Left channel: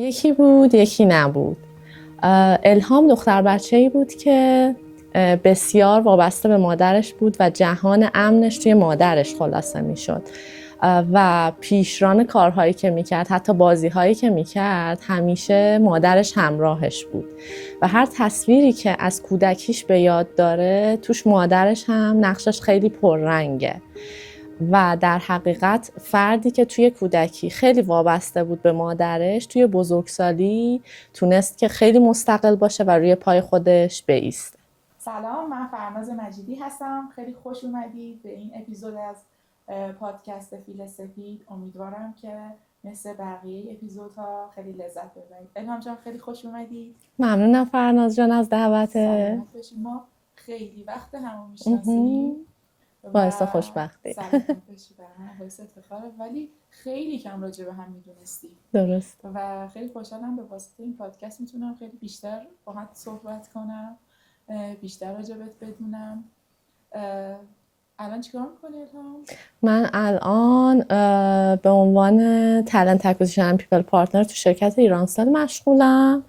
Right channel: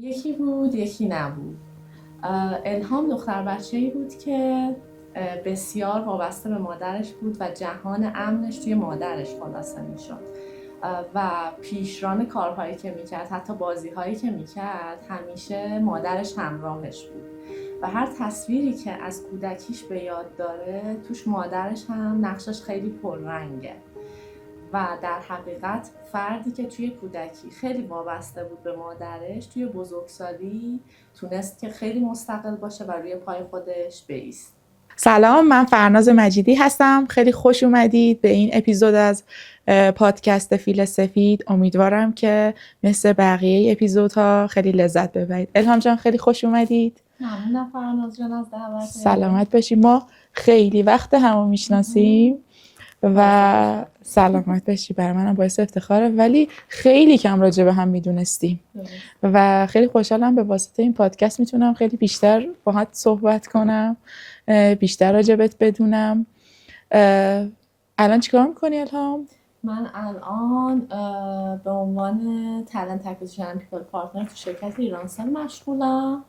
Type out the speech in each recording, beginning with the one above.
یکی بود یکی نبود. الهام دختر بچه‌ای بود که بسیار وابسته به مادرش بود و جهان امنش توی مادرش خلاصه میشد و پیشران کارهایی که میکرد، حتی بازیهایی که میکرد، همیشه مادرش همراهش بود و هر تصویری که از کودکیش به یاد داره توش مادرش هم نقشش خیلی پررنگه و در حقیقت فردی که توی کودکی خیلی وابسته بود به مادرش توی بزرگسالی تونست که خیلی مستقل باشه و روی پای خودش بایسته. سلام، من فرناز مجیدی هستم. خیلی خوش اومدید به این اپیزود از پادکست فیل سفید. امیدوارم که مثل بقیه اپیزودها خیلی لذت ببرید. الهام جان خیلی خوش اومدید. ممنونم فرناز جان از دعوت. سلامت باشید. ما خیلی وقت همو میشناسیم و سلامت باشی. برای منم باعث افتخاره، ولی خیلی کم راجع به هم میدونستیم. درست. و خیلی خوشحالم به واسطه این پادکست میتونم خیلی بیشتر باهات صحبت کنم، بیشتر راجبت بدونم. الان چیکار میکنی الهام؟ من الان به عنوان تالنت اکوزیشن اند پیپل پارتنر تو شرکت ایرانسل مشغولم.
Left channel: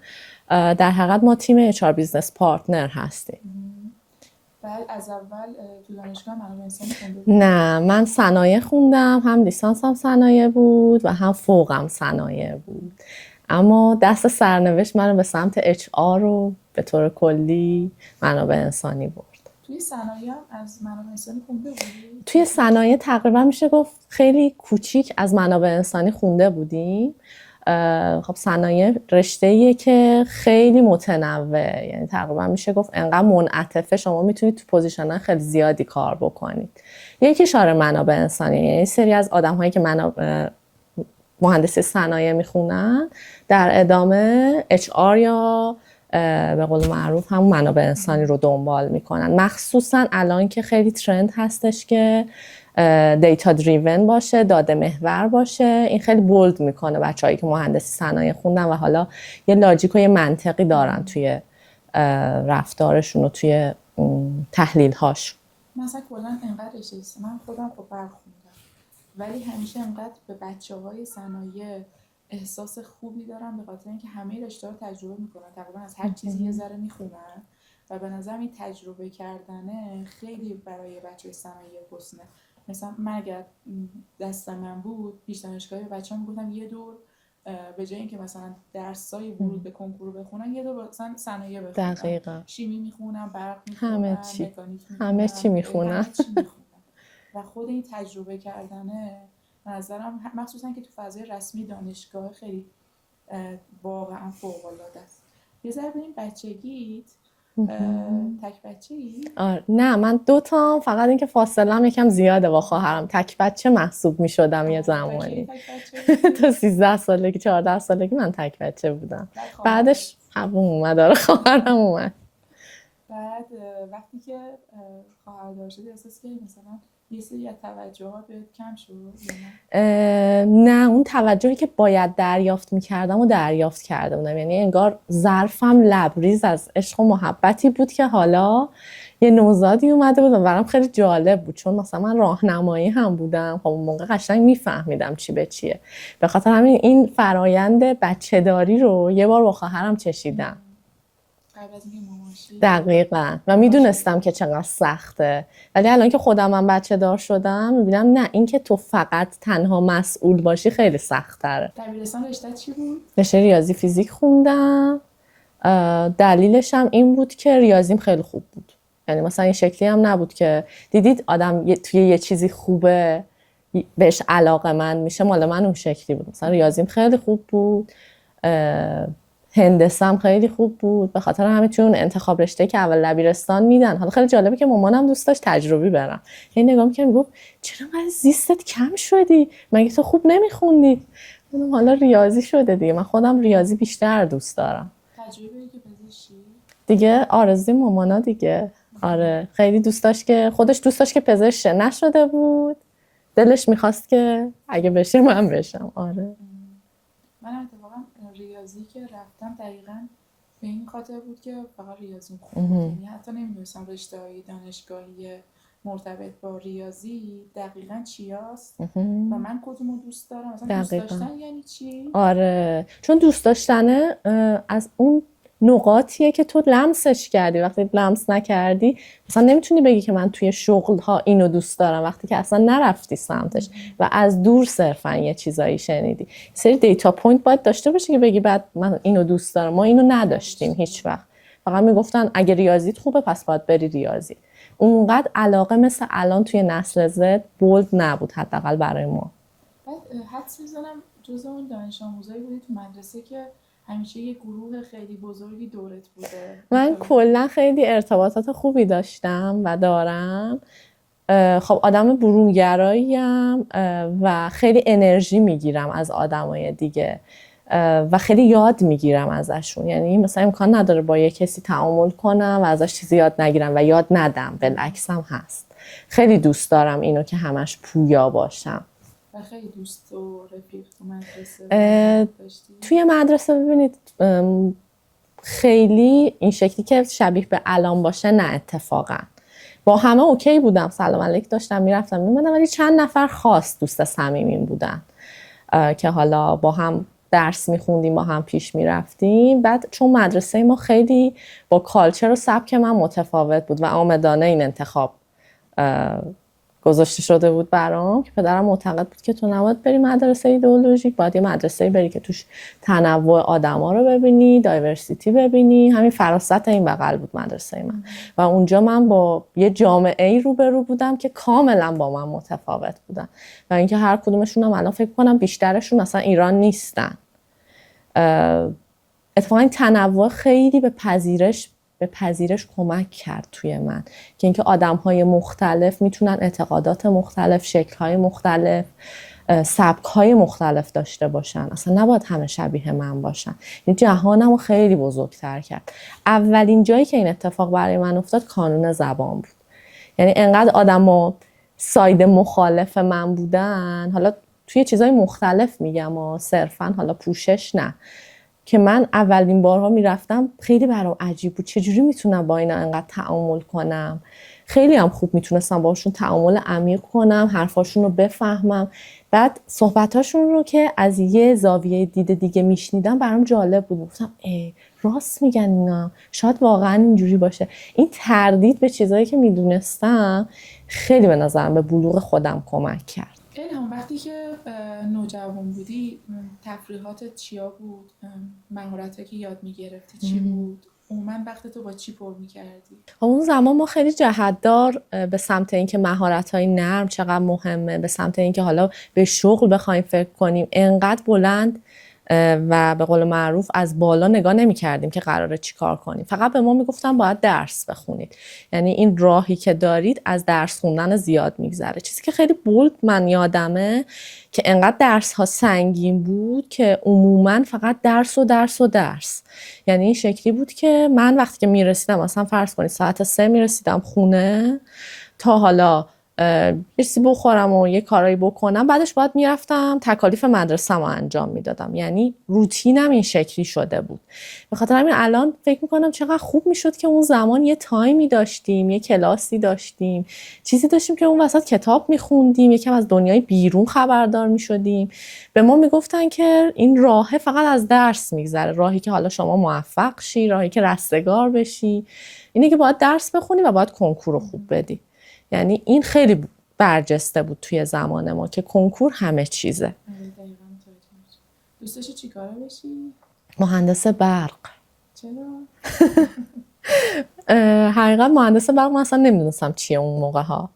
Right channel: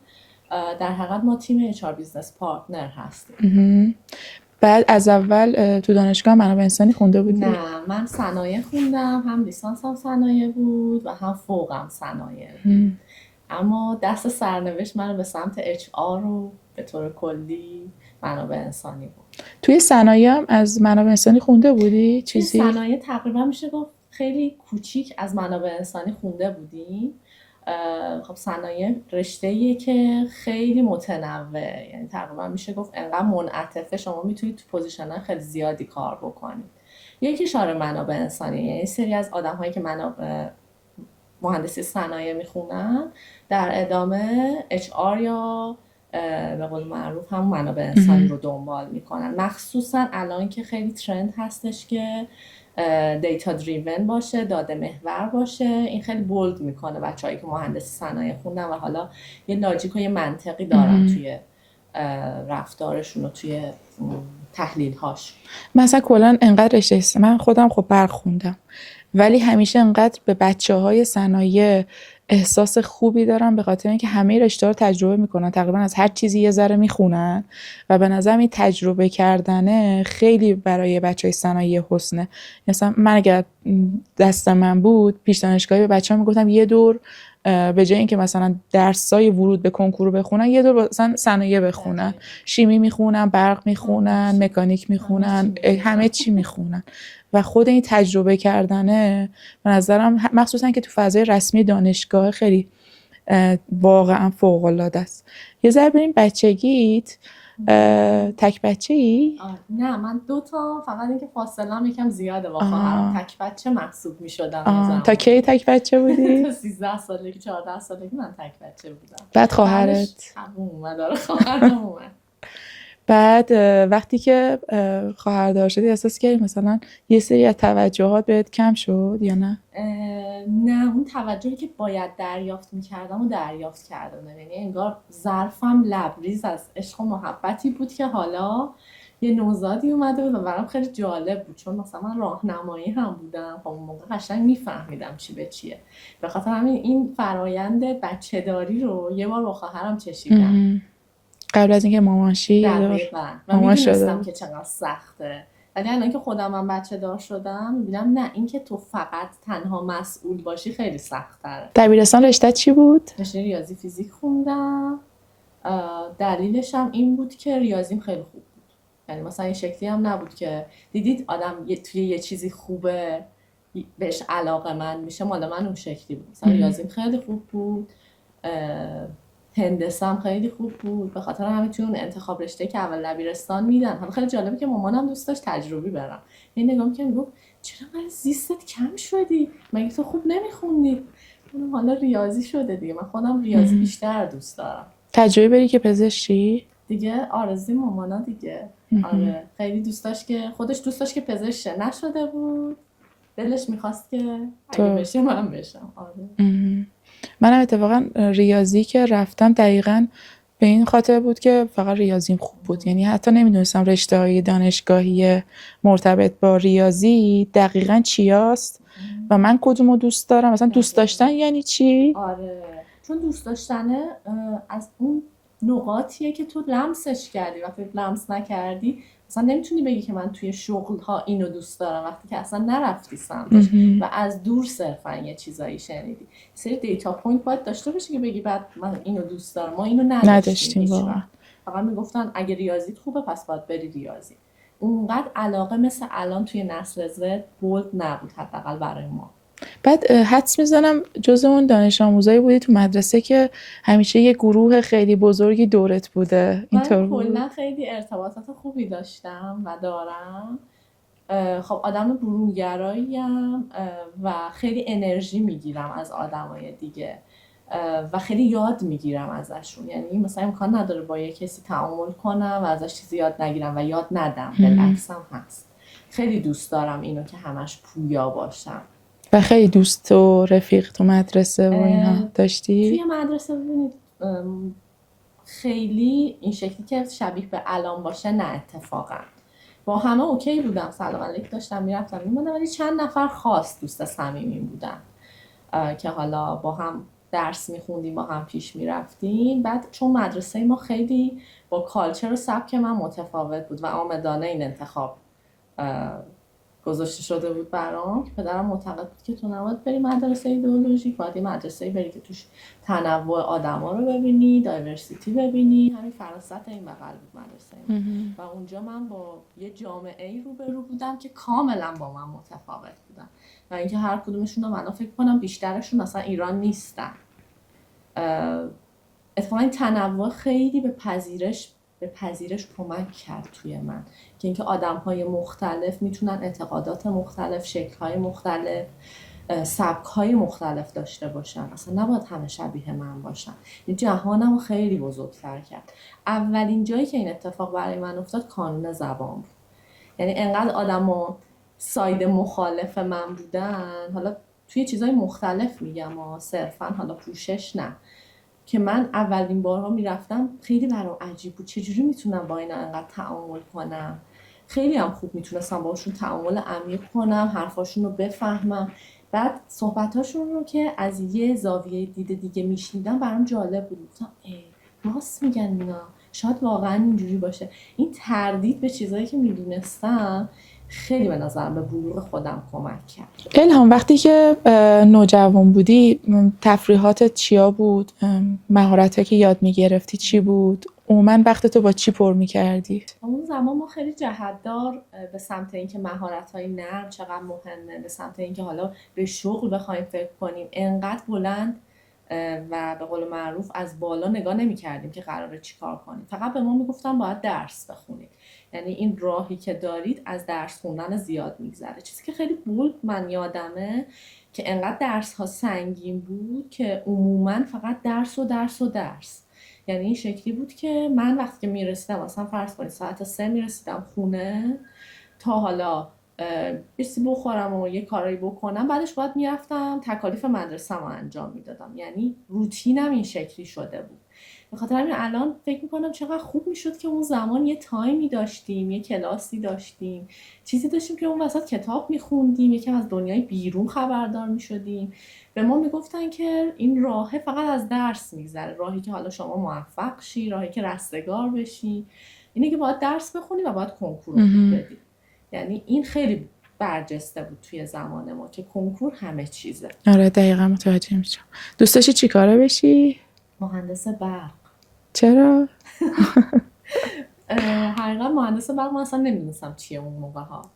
در حقیقت ما تیم HR بیزنس پارتنر هستیم. بعد از اول تو دانشگاه منابع انسانی خونده بودی؟ نه، من صنایع خوندم، هم لیسانسم صنایع بود و هم فوقم صنایع بود. اما دست سرنوشت من به سمت HR رو به طور کلی منابع انسانی بود. توی صنایع هم از منابع انسانی خونده بودی؟ توی صنایع تقریبا میشه گفت خیلی کوچیک از منابع انسانی خونده بودیم. خب صنایع رشته‌ایه که خیلی متنوع، یعنی تقریبا میشه گفت انقدر منعطفه شما میتونید تو پوزیشن‌های خیلی زیادی کار بکنید. یکی شاره منابع انسانی، یعنی سری از آدم‌هایی که مهندسی صنایع میخونن در ادامه HR یا به قول معروف هم منابع انسانی رو دنبال میکنن. مخصوصا الان که خیلی ترند هستش که دیتا دریون باشه، داده محور باشه، این خیلی بولد میکنه بچه‌هایی که مهندسی صنایع خوندن و حالا یه لاجیک و یه منطقی دارن توی رفتارشون و توی تحلیل هاش. مثلا کلا انقدر رشته، من خودم خب برق خوندم ولی همیشه انقدر به بچه‌های صنایع احساس خوبی دارم به خاطر اینکه همه رشته‌ها رو تجربه میکنن، تقریبا از هر چیزی یه ذره میخونن و به نظرم این تجربه کردنه خیلی برای بچه‌های صنایع حسنه. مثلا من اگر دست من بود پیش دانشگاهی به بچه‌ها میگفتم یه دور به جای اینکه مثلا درسای ورود به کنکور بخونن یه دور مثلا صنایع بخونن، شیمی میخونن، برق میخونن، مکانیک میخونن، همه چی میخونن و خود این تجربه کردنه به نظرم مخصوصا که تو فضای رسمی دانشگاه خیلی واقعا فوق‌العاده است. یه ذره بریم بچگیت. تک بچه‌ای؟ نه، من 2 تا، فقط اینکه فاصله‌ام یکم زیاده با خواهرم. تک بچه محسوب می‌شدم یه زمانی. تا کی تک بچه بودی؟ تا 13 سالگی 14 سالگی من تک بچه بودم. بعد بعدش اومد، خواهرم اومد. بعد وقتی که خواهردار شدی احساس کردی مثلا یه سری از توجهات بهت کم شد یا نه؟ نه، اون توجهی که باید دریافت میکردم و دریافت کرده بودم. یعنی انگار ظرفم لبریز از عشق و محبتی بود که حالا یه نوزادی اومده بود و برام خیلی جالب بود، چون مثلا من راهنمایی هم بودم. خب اون موقع قشنگ میفهمیدم چی به چیه. به خاطر همین این فرایند بچه داری رو یه بار با خواهرم چشیدم قبل از اینکه مامانشی. دقیقاً. و میدونستم که چقدر سخته، ولی الان که خودم من بچه دار شدم میبینم نه، این که تو فقط تنها مسئول باشی خیلی سخت‌تره. دبیرستان رشته چی بود؟ رشته ریاضی فیزیک خوندم. دلیلش هم این بود که ریاضیم خیلی خوب بود. یعنی مثلا این شکلی هم نبود که دیدید آدم توی یه چیزی خوبه بهش علاقه‌مند میشه. مال من اون شکلی بود. مثلا ریاضیم خیلی خوب بود، هندسم خیلی خوب بود. به خاطر همین چون انتخاب رشته که اول دبیرستان میدن، حالا خیلی جالبه که مامانم دوست داشت تجربی برم. یعنی نگاه می‌کردم میگفت چرا انقدر زیستت کم شدی؟ مگه تو خوب نمیخوندی؟ حالا ریاضی شده دیگه، من خودم ریاضی بیشتر دوست دارم. تجربه بری که پزشکی؟ دیگه آرزوی مامانا دیگه. آره، خیلی دوست داشت که خودش دوست داشت که پزشک نشده بود، دلش میخواست که اگه بشه من بشم. آره. منم اتفاقا ریاضی که رفتم دقیقاً به این خاطر بود که فقط ریاضیم خوب بود. یعنی حتی نمیدونستم رشته‌های دانشگاهی مرتبط با ریاضی دقیقاً چیاست و من کدومو دوست دارم. مثلا دوست دقیقاً. داشتن یعنی چی؟ آره، چون دوست داشتنه از اون نقاطیه که تو لمسش کردی. وقتی لمس نکردی مثلا نمیتونی بگی که من توی شغل ها اینو دوست دارم، وقتی که اصلا نرفتی سمتش و از دور صرفا یه چیزایی شنیدی. سری دیتا پوینت باید داشته باشی که بگی بعد من اینو دوست دارم. ما اینو نداشتیم هیچ واقعا. وقت. فقط میگفتن اگه ریاضیت خوبه پس باید بری ریاضی. اونقدر علاقه مثل الان توی نسل زد بولد نبود، حداقل برای ما. بعد حدس میزنم جز اون دانش آموزایی بودی تو مدرسه که همیشه یه گروه خیلی بزرگی دورت بوده. من کلا خیلی ارتباطات خوبی داشتم و دارم. خب آدم برونگراییم و خیلی انرژی میگیرم از آدمای دیگه و خیلی یاد میگیرم ازشون. یعنی مثلا امکان نداره با یه کسی تعامل کنم و ازش چیزی یاد نگیرم و یاد ندم. بالعکس هم هست. خیلی دوست دارم اینو که همش پویا باشم. و خیلی دوست و رفیق تو مدرسه و اینا داشتی؟ توی مدرسه ببینید خیلی این شکلی که شبیه به الان باشه نه، اتفاقا با همه اوکی بودم، سلام علیک داشتم میرفتم میموندم، ولی چند نفر خاص دوست صمیمیم بودن که حالا با هم درس میخوندیم، با هم پیش میرفتیم. بعد چون مدرسه ما خیلی با کالچر و سبک من متفاوت بود و آمدانه این انتخاب گذاشته شده بود برام که پدرم معتقد بود که تو نباید بری مدرسه ایدئولوژیک، باید یه مدرسه بری که توش تنوع آدما رو ببینی، دایورسیتی ببینی. همین فراست این بغل بود مدرسه من و اونجا من با یه جامعه ای روبرو بودم که کاملا با من متفاوت بودن و اینکه هر کدومشون هم الان فکر کنم بیشترشون اصلا ایران نیستن. اتفاقا این تنوع خیلی به پذیرش کمک کرد توی من که اینکه آدم‌های مختلف میتونن اعتقادات مختلف، شکل‌های مختلف، سبک‌های مختلف داشته باشن. اصلا نباید همه شبیه من باشن. این جهانمو خیلی بزرگتر کرد. اولین جایی که این اتفاق برای من افتاد کانون زبان بود. یعنی انقدر آدم‌ها ساید مخالف من بودن، حالا توی چیزای مختلف میگم و صرفاً حالا پوشش نه، که من اولین بارها میرفتم خیلی برام عجیب بود چجوری میتونم با اینا انقدر تعامل کنم. خیلی هم خوب میتونستم باشون تعامل عمیق کنم، حرفاشون رو بفهمم. بعد صحبتاشون رو که از یه زاویه دید دیگه میشنیدم برام جالب بود. گفتم راست میگن اینا، شاید واقعا اینجوری باشه. این تردید به چیزایی که میدونستم خیلی به نظرم به بلوغ خودم کمک کرد. الهام، وقتی که نوجوان بودی تفریحاتت چیا بود؟ مهارتایی که یاد میگرفتی چی بود؟ عموما وقت تو با چی پر میکردی؟ اون زمان ما خیلی جهتدار به سمت اینکه مهارت‌های نرم چقدر مهمه، به سمت اینکه حالا به شغل بخوایم فکر کنیم، انقدر بلند و به قول معروف از بالا نگاه نمی کردیم که قراره چی کار کنیم. فقط به ما میگفتن باید درس بخونید. یعنی این راهی که دارید از درس خوندن زیاد میگذره. چیزی که خیلی بولد من یادمه که انقدر درس ها سنگین بود که عموما فقط درس و درس و درس. یعنی این شکلی بود که من وقتی که میرسیدم، مثلا فرض کنید ساعت 3 میرسیدم خونه تا حالا چیزی بخورم و یه کارایی بکنم، بعدش باید میرفتم تکالیف مدرسه‌مو انجام میدادم. یعنی روتینم این شکلی شده بود. به خاطر همین الان فکر میکنم چقدر خوب میشد که اون زمان یه تایمی داشتیم، یه کلاسی داشتیم، چیزی داشتیم که اون وسط کتاب میخوندیم، یکم از دنیای بیرون خبردار میشدیم. به ما میگفتن که این راه فقط از درس میگذره، راهی که حالا شما موفق شی، راهی که رستگار بشی اینه که باید درس بخونی و باید کنکور خوب بدی. یعنی این خیلی برجسته بود توی زمان ما که کنکور همه چیزه. آره دقیقا متوجه میشم. دوست داشتی چی کاره بشی؟ مهندس برق. چرا؟ حقیقت مهندس برق من اصلا نمیدونستم چیه اون موقع ها،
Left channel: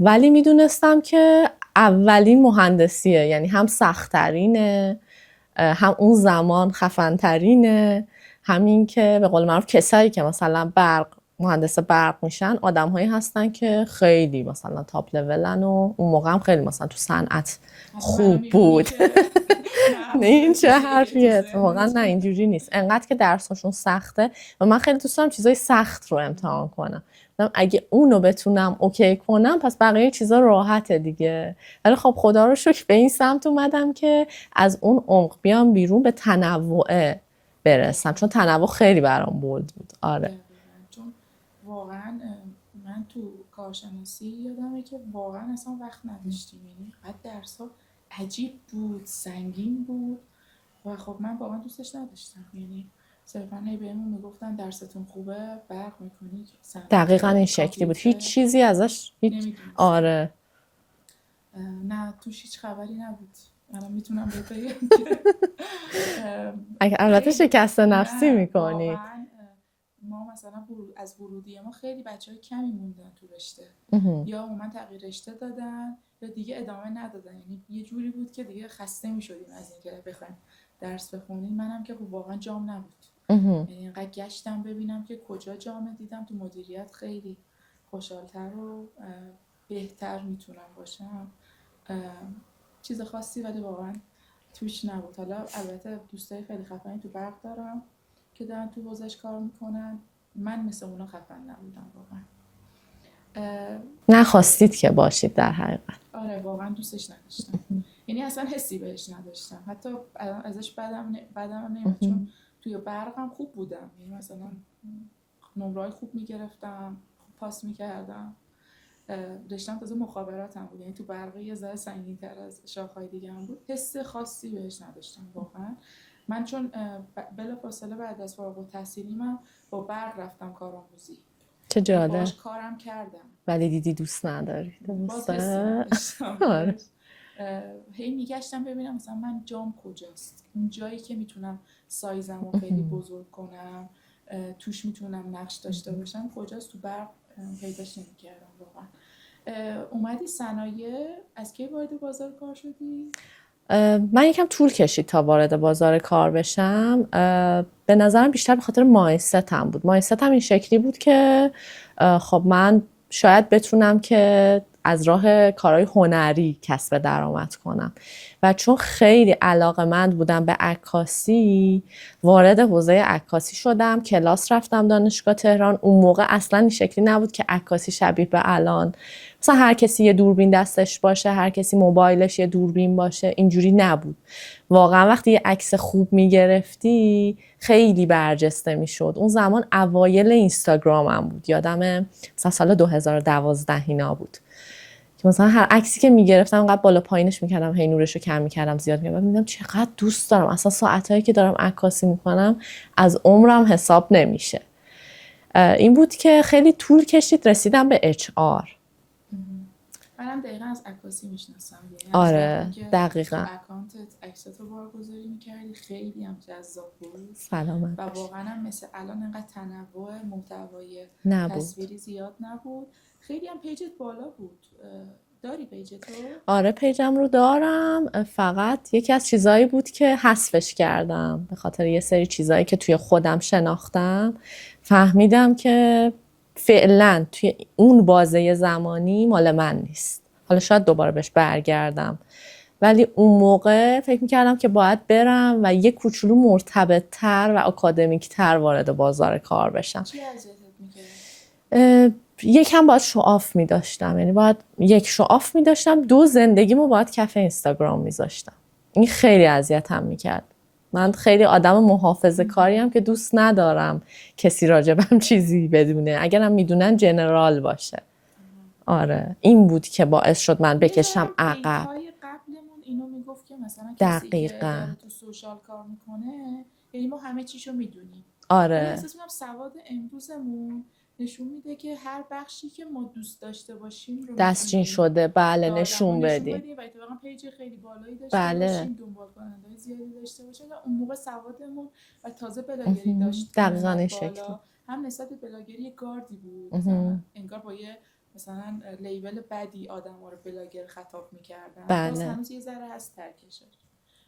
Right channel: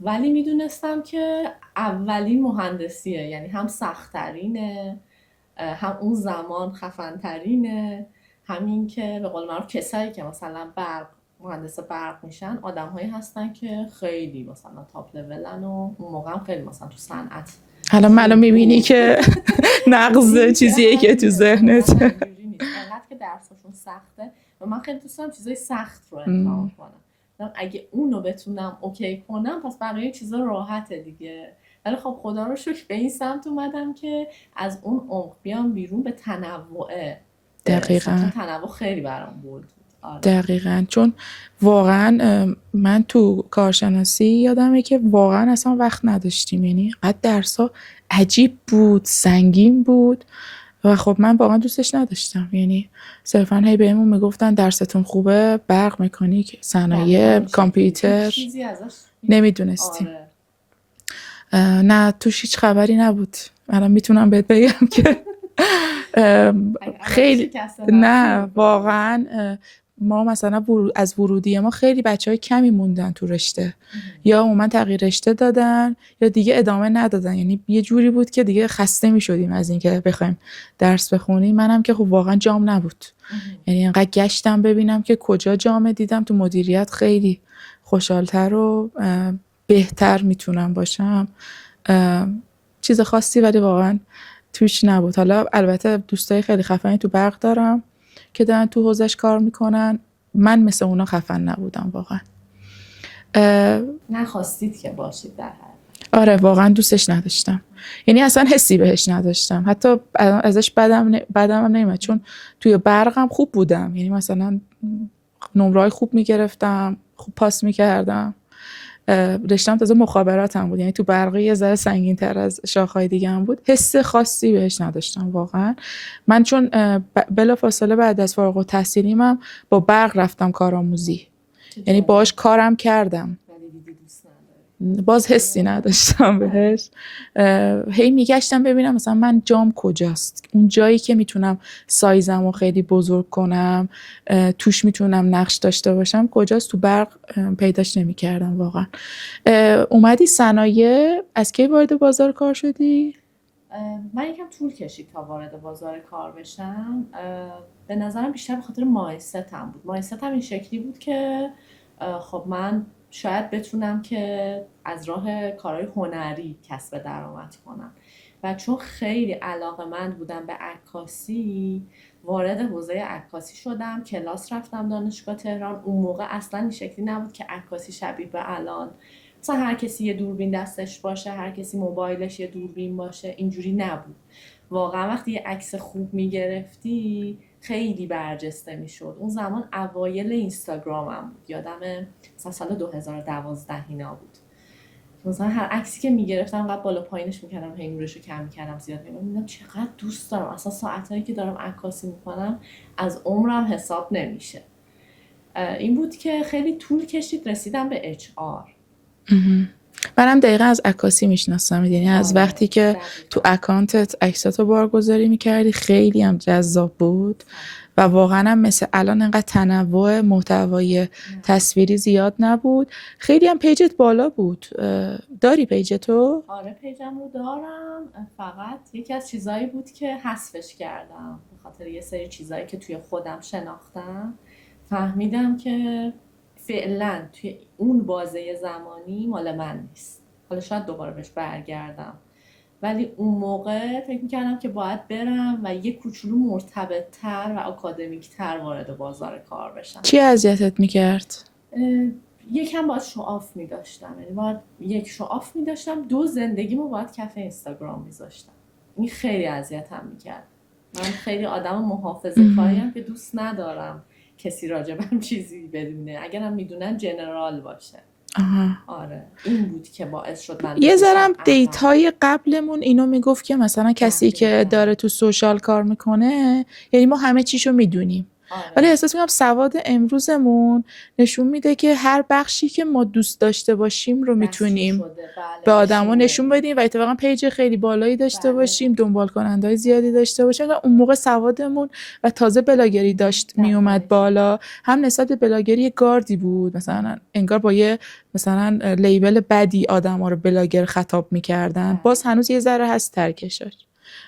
ولی میدونستم که اولین مهندسیه. یعنی هم سخت‌ترینه، هم اون زمان خفن‌ترینه، همین که به قول معروف کسایی که مثلا مهندس برق میشن آدم‌هایی هستن که خیلی مثلا تاپ لولن و اون موقع هم خیلی مثلا تو صنعت. الان منو میبینی که نقض چیزیه که تو ذهنت. نه اینجوری نیست. انقدر که درساشون سخته و من خیلی دوست دارم چیزای سخت رو امتحان کنم. اگه اونو بتونم اوکی کنم پس بقیه چیزا راحته دیگه. ولی خب خدا رو شکر به این سمت اومدم که از اون عمق بیام بیرون، به تنوع برسم، دقیقاً. چون تنوع خیلی برام بولد بود. آره دقیقاً، چون واقعا من تو کارشناسی یادمه که واقعا اصلا وقت نداشتیم، یعنی قد درسا عجیب بود، سنگین بود و خب من واقعا دوستش نداشتم. یعنی صرفا هی بهمون میگفتن درستون خوبه، برق، مکانیک، دقیقاً صنایع، این شکلی بود، هیچ کامپیوتر، چیزی ازش نمیدونستیم. آره نه توش هیچ خبری نبود. الان میتونم بهت بگم که البته خیلی شکست نفسی نه میکنی. واقعا ما مثلا از ورودی ما خیلی بچهای کمی موندن تو رشته، یا عموما تغییر رشته دادن یا دیگه ادامه ندادن. یعنی یه جوری بود که دیگه خسته میشدیم از اینکه بخوایم درس بخونیم. منم که خب واقعا جام نبود، یعنی انقدر گشتم ببینم که کجا جام دیدم. تو مدیریت خیلی خوشحالتر و بهتر میتونم باشم. چیز خاصی ولی واقعا توش نبود. حالا البته دوستای خیلی خفنی تو برق دارم که دارن تو حوزش کار میکنن، من مثل اونا خفن نبودم واقعا. نخواستید که باشید در حقیقت. آره واقعا دوستش نداشتم، یعنی اصلا حسی بهش نداشتم، حتی ازش بدم نمیاد، چون توی برقم خوب بودم، یعنی مثلا نمره‌های خوب میگرفتم، خوب پاس میکردم. رشتم تازه مخابراتم بود، یعنی تو برقی یه ذره سنگین تر از شاخهای دیگه هم بود. حس خاصی بهش نداشتم واقعا. من چون بلافاصله بعد از فارغ التحصیلیم هم با برق رفتم کارآموزی، یعنی باهاش کارم کردم ولی دیدی دوست نداری، باز حسی نداشتم بهش. هی میگشتم ببینم مثلا من جام کجاست، اون جایی که میتونم سایزمو خیلی بزرگ کنم، توش میتونم نقش داشته باشم کجاست. تو برق پیداش نمیکردم واقعا. اومدی صنایع، از کی وارد بازار کار شدی؟ من یکم طول کشید تا وارد بازار کار بشم. به نظرم بیشتر به خاطر مایندستم بود. مایندستم این شکلی بود که خب من شاید بتونم که از راه کارهای هنری کسب درآمد کنم و چون خیلی علاقه‌مند بودم به عکاسی وارد حوزه عکاسی شدم. کلاس رفتم دانشگاه تهران. اون موقع اصلا این شکلی نبود که عکاسی شبیه به الان مثلا هر کسی یه دوربین دستش باشه، هر کسی موبایلش یه دوربین باشه، اینجوری نبود. واقعا وقتی یه عکس خوب میگرفتی خیلی برجسته میشد. اون زمان اوایل اینستاگرام هم بود، یادمه مثلا سال 2012 اینا بود که مثلا هر عکسی که میگرفتم انقدر بالا پایینش میکردم، هی نورشو کم میکردم، زیاد میکردم، میدم چقدر دوست دارم. اصلا ساعتایی که دارم عکاسی میکنم از عمرم حساب نمیشه. این بود که خیلی طول کشید رسیدم به HR. منم دقیقا از عکاسی میشناسم، یعنی از وقتی که دقیقا. تو اکانتت عکساتو بارگذاری میکردی خیلی هم جذاب بود و واقعا هم مثل الان انقدر تنوع محتوای تصویری زیاد نبود. خیلی هم پیجت بالا بود. داری پیجتو؟ آره پیجم رو دارم، فقط یکی از چیزایی بود که حذفش کردم به خاطر یه سری چیزایی که توی خودم شناختم. فهمیدم که فعلا توی اون بازه زمانی مال من نیست. حالا شاید دوباره بهش برگردم، ولی اون موقع فکر میکردم که باید برم و یه کوچولو مرتبط‌تر و اکادمیک‌تر وارد بازار کار بشم. چی اذیتت میکرد؟ یکم باید شوآف می‌داشتم، یعنی باید یک شوآف می‌داشتم، دو زندگیمو باید کف اینستاگرام می‌ذاشتم. این خیلی اذیتم میکرد. من خیلی آدم محافظه‌کاریم که دوست ندارم کسی راجبم چیزی بدونه، اگرم میدونن جنرال باشه. آره این بود که باعث شد من بکشم یه ذرم عقب. دیتای قبلمون اینو میگفت که مثلا کسی که داره تو سوشال کار میکنه، یعنی ما همه چیشو میدونیم. آره. ولی احساس میکنم سواد امروزمون نشون میده که هر بخشی که ما دوست داشته باشیم رو میتونیم بله، به آدما نشون بدیم و اتفاقا پیج خیلی بالایی داشته باشیم، دنبال کنندهای زیادی داشته باشیم. اون موقع سوادمون و تازه بلاگری داشت میومد بالا، هم نسبت به بلاگری گاردی بود، مثلا انگار با یه مثلا لیبل بدی آدما رو بلاگر خطاب میکردن. باز هنوز یه ذره هست ترکشش،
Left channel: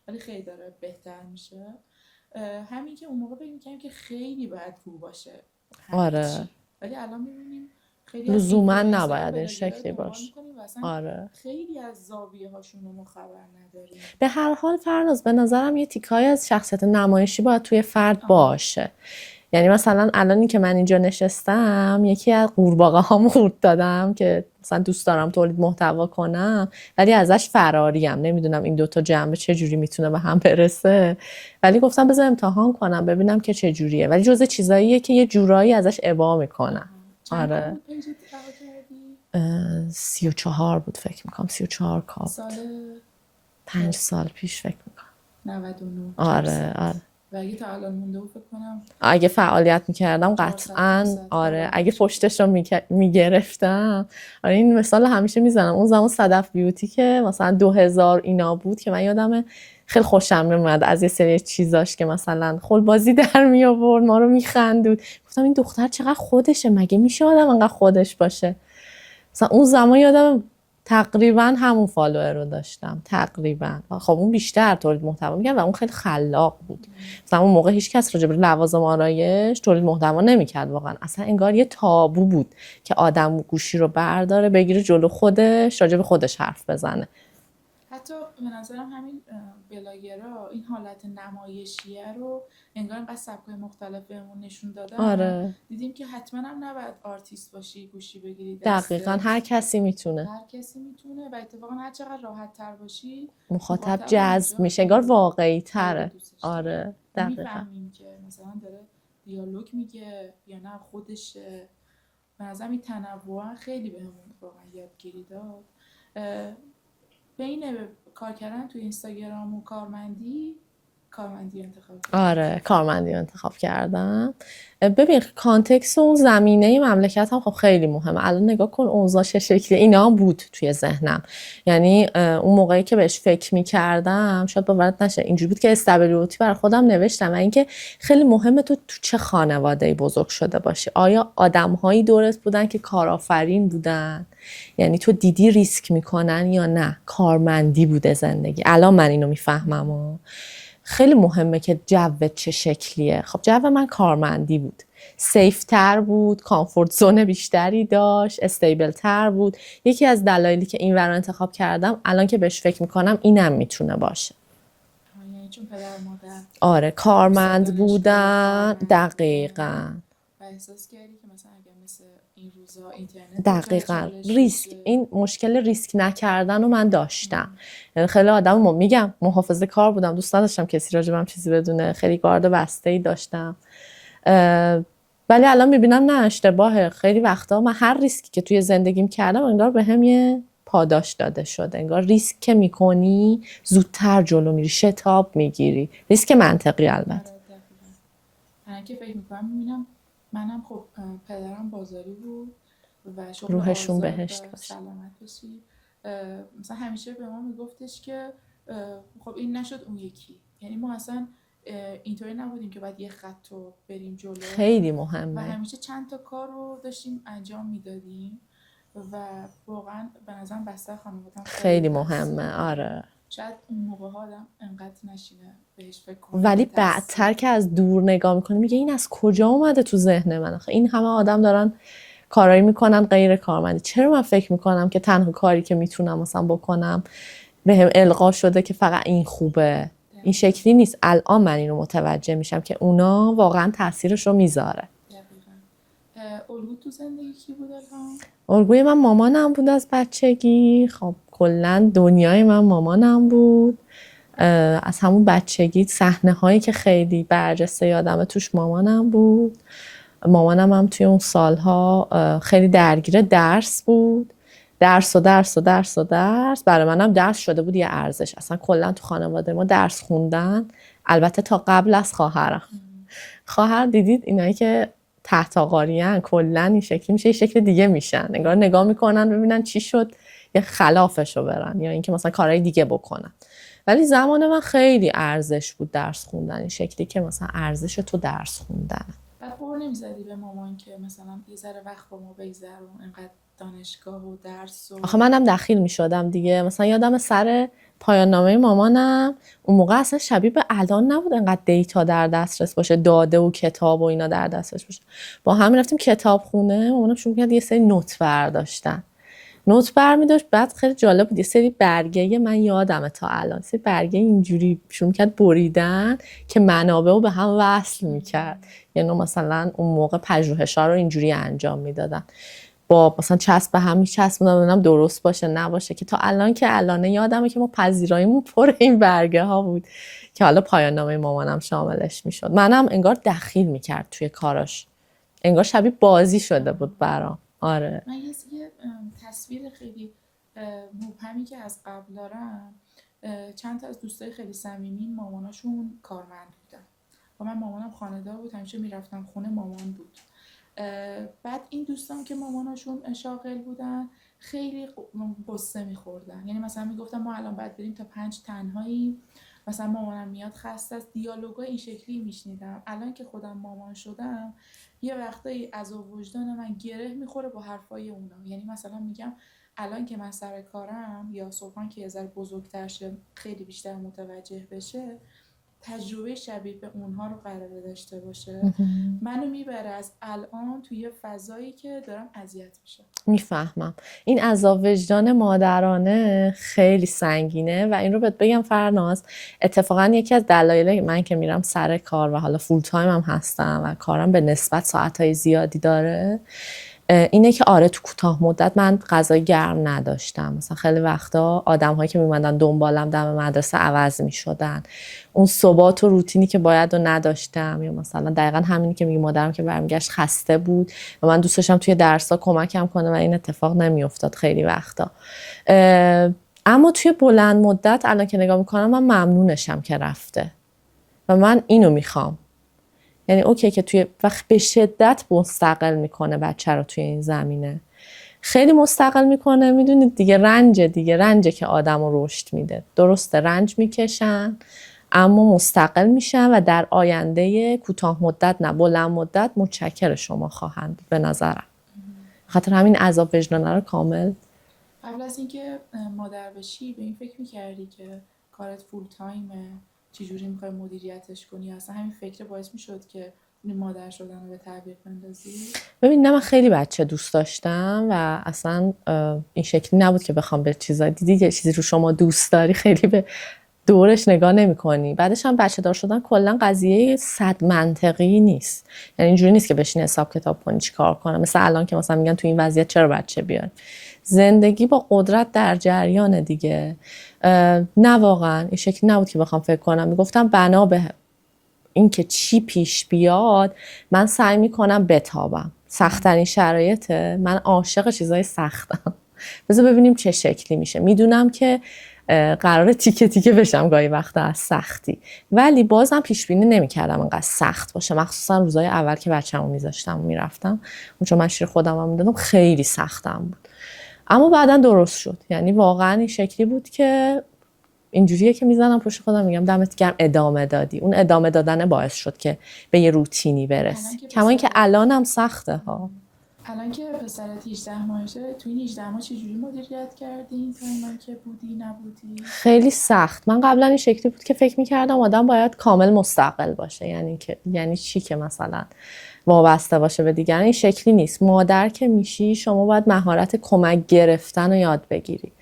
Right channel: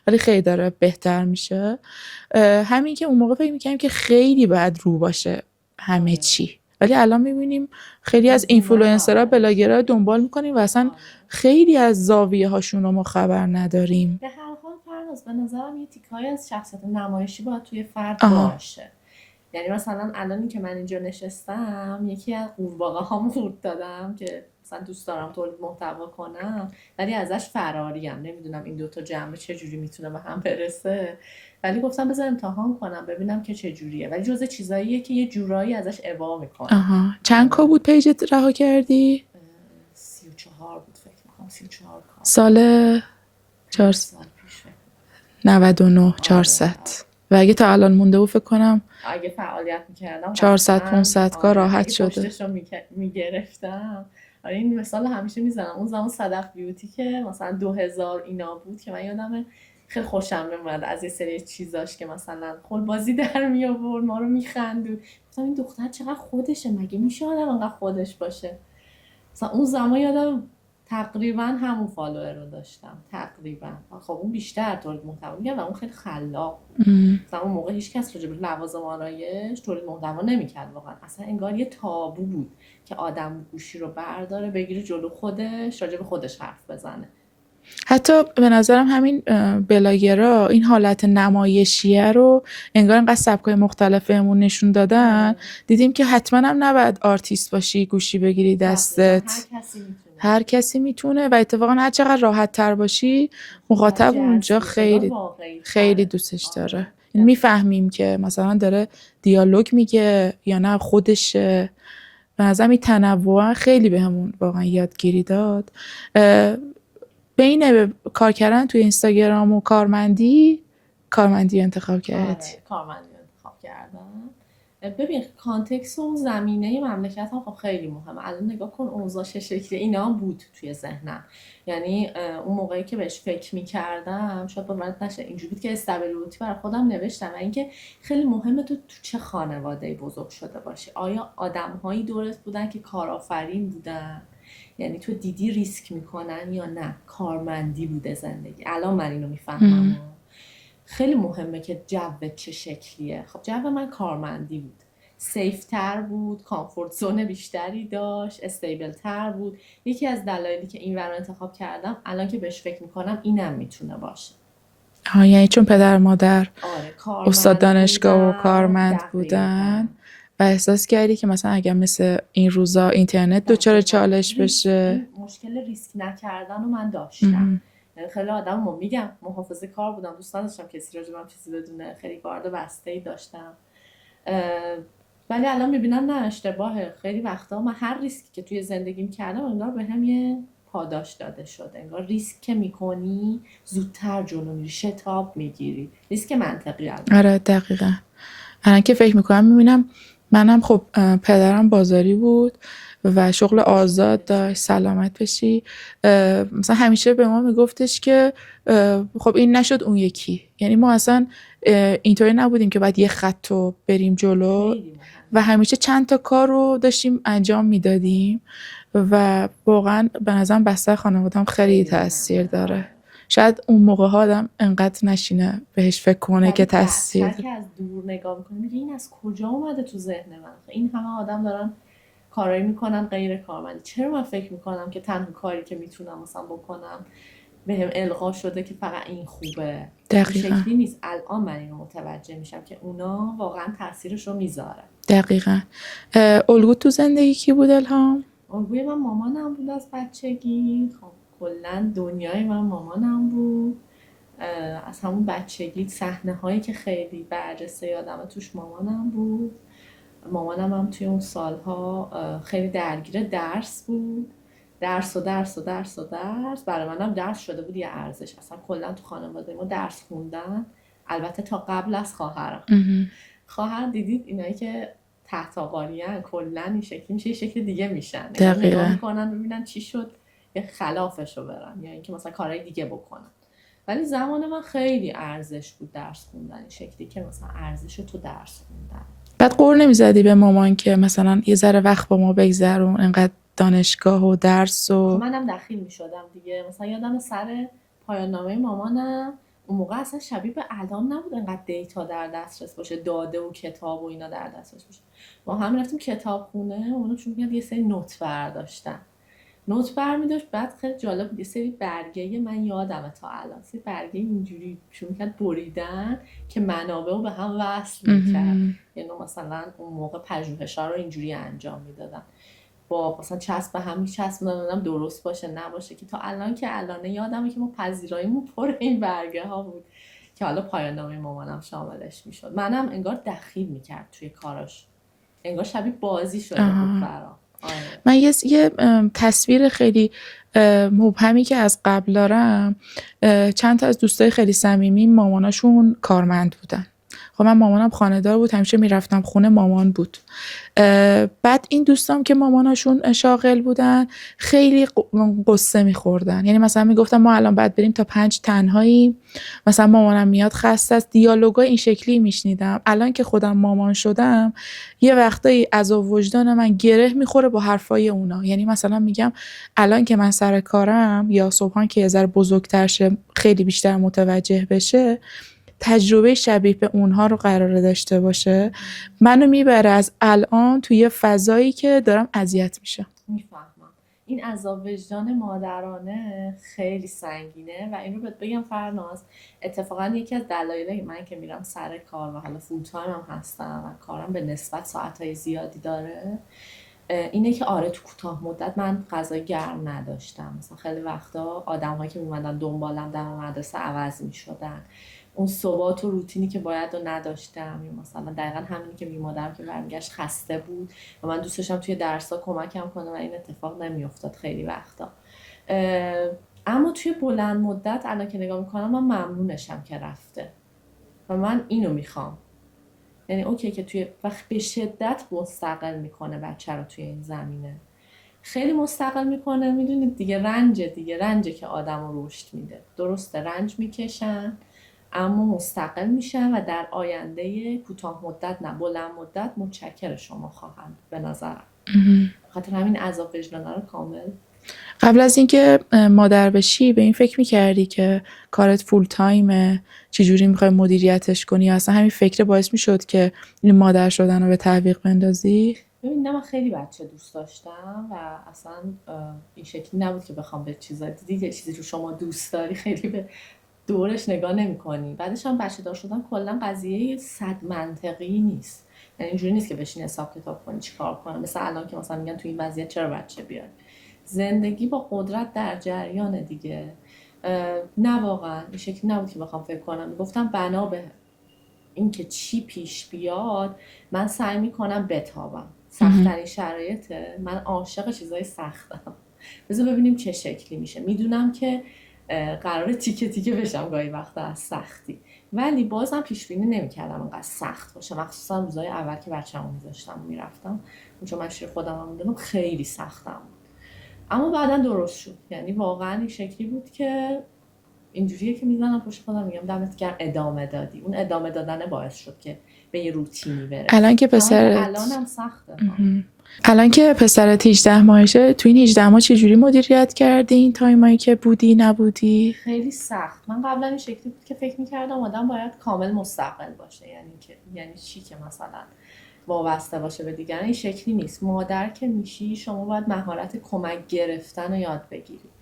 ولی خیلی داره بهتر میشه. همین که اون موقع فکر میکنیم که خیلی باید رو باشه همه چی، ولی الان میبینیم خیلی از اینفلوئنسرها بلاگرها دنبال میکنیم و اصلا خیلی از زاویه هاشون رو ما خبر نداریم. به هر حال فرناز به نظرم یه تیکای از شخصیت نمایشی باید توی فرد باشه. یعنی مثلا الانی که من اینجا نشستم یکی از قورباغه هام قورت دادم که مثلا دوست دارم تولید محتوا کنم ولی ازش فراریم، نمیدونم این دوتا جنبه چه جوری میتونه به هم برسه، ولی گفتم بذار امتحان کنم ببینم که چه جوریه، ولی جزء چیزاییه که یه جورایی ازش ابا میکنم. آها. چند کا بود پیجت رها کردی؟ 34 بود فکر میکنم، 34 کا. سال 5 سال پیش فکر میکنم. 99 400. آره. و اگه تا الان مونده بود فکر کنم اگه فعالیت میکردم 400 500 کا راحت اگه شده. پشتش رو میگرفتم. آره این مثال همیشه میزنم. اون زمان صدف بیوتی که مثلا 2000 اینا بود که من یادمه خیلی خوشم میومد از یه سری چیزاش که مثلا خلبازی در می آورد، ما رو میخندود. گفتم این دختر چقدر خودشه، مگه میشه آدم انقدر خودش باشه. مثلا اون زمان یادم تقریبا همون فالوور رو داشتم تقریبا. خب اون بیشتر تولید محتوا می‌کرد و اون خیلی خلاق بود. مثلا اون موقع هیچ کس راجع به لوازم آرایش تولید محتوا نمی‌کرد واقعا. اصلا انگار یه تابو بود که آدم گوشی رو برداره بگیره جلو خودش راجع به خودش حرف بزنه. حتی به نظرم همین بلاگرها این حالت نمایشیه رو انگار انقدر سبکای مختلف بهمون نشون دادن. آره. دیدیم که حتما هم نباید آرتیست باشی گوشی بگیری دستت. هر کسی میتونه. هر کسی میتونه و اتفاقا هر چقدر راحت تر باشی مخاطب اونجا خیلی دوستش داره. میفهمیم که مثلا داره دیالوگ میگه یا نه خودشه. به نظرم این تنوع خیلی بهمون واقعا یادگیری داد. بین کار کردن توی اینستاگرام و کارمندی انتخاب کردی؟ آره کارمندی انتخاب کردم. ببین کانتکست و اون زمینه مملکت هم خب خیلی مهمه. الان نگاه کن اوضاع چه شکلی. اینا هم بود توی ذهنم. یعنی اون موقعی که بهش فکر می‌کردم شاید باورت نشه اینجوری بود که استابیلیتی برای خودم نوشتم و اینکه خیلی مهمه تو چه خانواده‌ای بزرگ شده باشی. آیا آدم‌هایی دورت بودن که کارآفرین بودن؟ یعنی تو دیدی ریسک میکنن یا نه کارمندی بوده زندگی. الان من اینو میفهمم. خیلی مهمه که جوت چه شکلیه. خب جو من کارمندی بود، سیف تر بود، کامفورت زون بیشتری داشت، استیبل تر بود. یکی از دلایلی که این ور انتخاب کردم الان که بهش فکر میکنم اینم میتونه باشه. یعنی چون پدر مادر آره کارمند استاد دانشگاه بودن. و کارمند دقیقاً. بودن و احساس کردی که مثلا اگر مثل این روزا اینترنت دچار چالش بشه. این مشکل ریسک نکردن رو من داشتم. یعنی خیلی آدم میگم محافظه کار بودم، دوست نداشتم کسی راجبم چیزی بدونه، خیلی گارد بسته‌ای داشتم. ولی الان میبینم نه اشتباهه. خیلی وقتا من هر ریسکی که توی زندگیم کردم انگار بهم یه پاداش داده شده. انگار ریسک که میکنی زودتر جلو میری، شتاب میگیری. ریسک منطقی البته. آره دقیقاً. الان که فکر میکنم میبینم منم خب پدرم بازاری بود و شغل آزاد داشت. سلامت بشی. مثلا همیشه به ما میگفتش که خب این نشد اون یکی. یعنی ما اصلا اینطوری نبودیم که باید یه خط رو بریم جلو. خیلی مهمه. و همیشه چند تا کار رو داشتیم انجام میدادیم و واقعا به نظرم بستر خانواده‌ام خیلی تاثیر داره. آره. شاید اون موقع ها آدم انقدر نشینه بهش فکر کنه که تاثیر. بعدتر که از دور نگاه میکنه میگه این از کجا اومده تو ذهن من؟ این همه آدم دارن کارایی میکنن غیر کارمندی، چرا من فکر میکنم که تنها کاری که میتونم مثلا بکنم بهم القا شده که فقط این خوبه؟ این شکلی نیست. الان من اینو متوجه میشم که اونا واقعا تاثیرش رو میذاره. دقیقاً. الگو تو زندگی کی بود الهام؟ الگوی من مامانم بود از بچگی. خب کلا دنیای من مامانم بود. از همون بچگی صحنه هایی که خیلی برجسته یادمه توش مامانم بود. مامانم هم توی اون سالها خیلی درگیر درس بود. درس. برای منم درس شده بود یه ارزش. اصلا کلا تو خانواده ما درس خوندن، البته تا قبل از خواهرم. خواهر دیدید اینایی که تحت آقارین کلا این شکلی میشه، یه شکل دیگه میشن. نگاه میکنن ببینن چی شد یه خلافشو برن یا اینکه مثلا کارهای دیگه بکنن. ولی زمان من خیلی ارزش بود درس خوندن، این شکلی که مثلا ارزش تو درس خوندن. بعد قور نمیزدی به مامان که مثلا یه ذره وقت با ما بگذرون، انقدر دانشگاه و درس و آخه منم دخیل میشدم دیگه. مثلا یادم سر پایان نامه مامانم اون موقع اصلا شبیه به الان نبود انقدر دیتا در دسترس باشه، داده و کتاب و اینا در دسترس باشه. با همین رفتیم کتابخونه، مامانم شروع کرد یه سری نوت برداشتن. نوت برمی‌داشت. بعد خیلی جالب بود یه سری برگه، من یادمه تا الان، سری برگه اینجوری شروع کرد بریدن که منابع رو به هم وصل می‌کرد. یعنی مثلا اون موقع پژوهش‌ها رو اینجوری انجام میدادن. با مثلا چسب به هم میچسبونم ببینم درست باشه نباشه، که تا الان که الانه یادمه که ما پذیراییمون پر این برگه ها بود که حالا پایان نامه مامانم شاملش میشد. منم انگار دخیل میکرد توی کاراش، انگار شبیه بازی شده بود برام. آره. من یه تصویر خیلی مبهمی که از قبل دارم، چند تا از دوستای خیلی صمیمی ماماناشون کارمند بودن. خب من مامانم خانه‌دار بود، همیشه میرفتم خونه مامان بود. بعد این دوستام که ماماناشون شاغل بودن خیلی قصه میخوردن، یعنی مثلا میگفتم ما الان باید بریم تا 5 تنهایی، مثلا مامانم میاد خسته است. دیالوگای این شکلی میشنیدم. الان که خودم مامان شدم یه وقتایی عذاب وجدان من گره میخوره با حرفای اونا. یعنی مثلا میگم الان که من سر کارم یا صبحان که یه ذره بزرگتر شه خیلی بیشتر متوجه بشه، تجربه شبیه به اونها رو قراره داشته باشه، منو میبره از الان توی یه فضایی که دارم اذیت میشم. میفهمم. این عذاب وجدان مادرانه خیلی سنگینه و این رو بهت بگم فرناز، اتفاقا یکی از دلایل من که میرم سر کار و حالا فول تایم هم هستم و کارم به نسبت ساعتهای زیادی داره اینه که آره تو کوتاه مدت من غذای گرم نداشتم. مثلا خیلی وقتا آدم‌هایی که میومدن دنبالم دم مدرسه عوض میشدن، اون ثبات و روتینی که باید رو نداشتم، یا مثلا دقیقا همینی که میگم مادرم که برمیگشت خسته بود و من دوست داشتم توی درس‌ها کمکم کنه و این اتفاق نمیافتاد خیلی وقتا. اما توی بلند مدت الان که نگاه میکنم من ممنونشم که رفته و من اینو میخوام. یعنی اوکی که توی وقت به شدت مستقل میکنه بچه رو توی این زمینه، خیلی مستقل میکنه. میدونید دیگه رنجه که آدم رو رشد میده. درسته رنج میکشن اما مستقل میشن و در آینده کوتاه مدت نه بلند مدت متشکر شما خواهند به نظرم. خاطر همین عذاب وجدانه رو کامل. قبل از اینکه مادر بشی به این فکر میکردی که کارت فول تایمه، چجوری میخوای مدیریتش کنی، یا اصلا همین فکر باعث میشد که این مادر شدن رو به تعویق بندازی؟ ببین نه، من خیلی بچه دوست داشتم و اصلا این شکلی نبود که بخوام به چیزای دیدی که چیزی رو شما دوست داری خیلی به دورش نگاه نمی کنی. بعدش هم بچه دار شدن کلا قضیه 100 منطقی نیست. یعنی اینجوری نیست که بشین حساب کتاب کنی چی کار کنم. مثل الان که مثلا میگن تو این وضعیت چرا بچه بیاری. زندگی با قدرت در جریان دیگه. نه واقعا این شکلی نبود که بخوام فکر کنم. میگفتم بنا به این که چی پیش بیاد من سعی میکنم بتابم. سخت‌ترین شرایطه، من عاشق چیزای سختم. بذار ببینیم چه شکلی میشه. میدونم که قراره تیکه تیکه بشم گاهی وقتا از سختی، ولی بازم پیش بینی نمی‌کردم انقدر سخت باشه. مخصوصا روزای اول که بچه‌مو میذاشتم میرفتم اونجا من شیر خودم هم میدادم، خیلی سختم بود اما بعدا درست شد. یعنی واقعا این شکلی بود که اینجوریه که میزنم پشت خودم میگم دمت گرم ادامه دادی. اون ادامه دادن باعث شد که به یه روتینی برسی. الان که الانم سخته ها. الان که پسرت 18 ماهشه، تو این 18 ماه چجوری مدیریت کردی این تایمایی که بودی نبودی؟ خیلی سخت. من قبلا این شکلی بود که فکر میکردم آدم باید کامل مستقل باشه. یعنی چی که مثلا وابسته باشه به دیگران. این شکلی نیست. مادر که میشی شما باید مهارت کمک گرفتن رو یاد بگیری.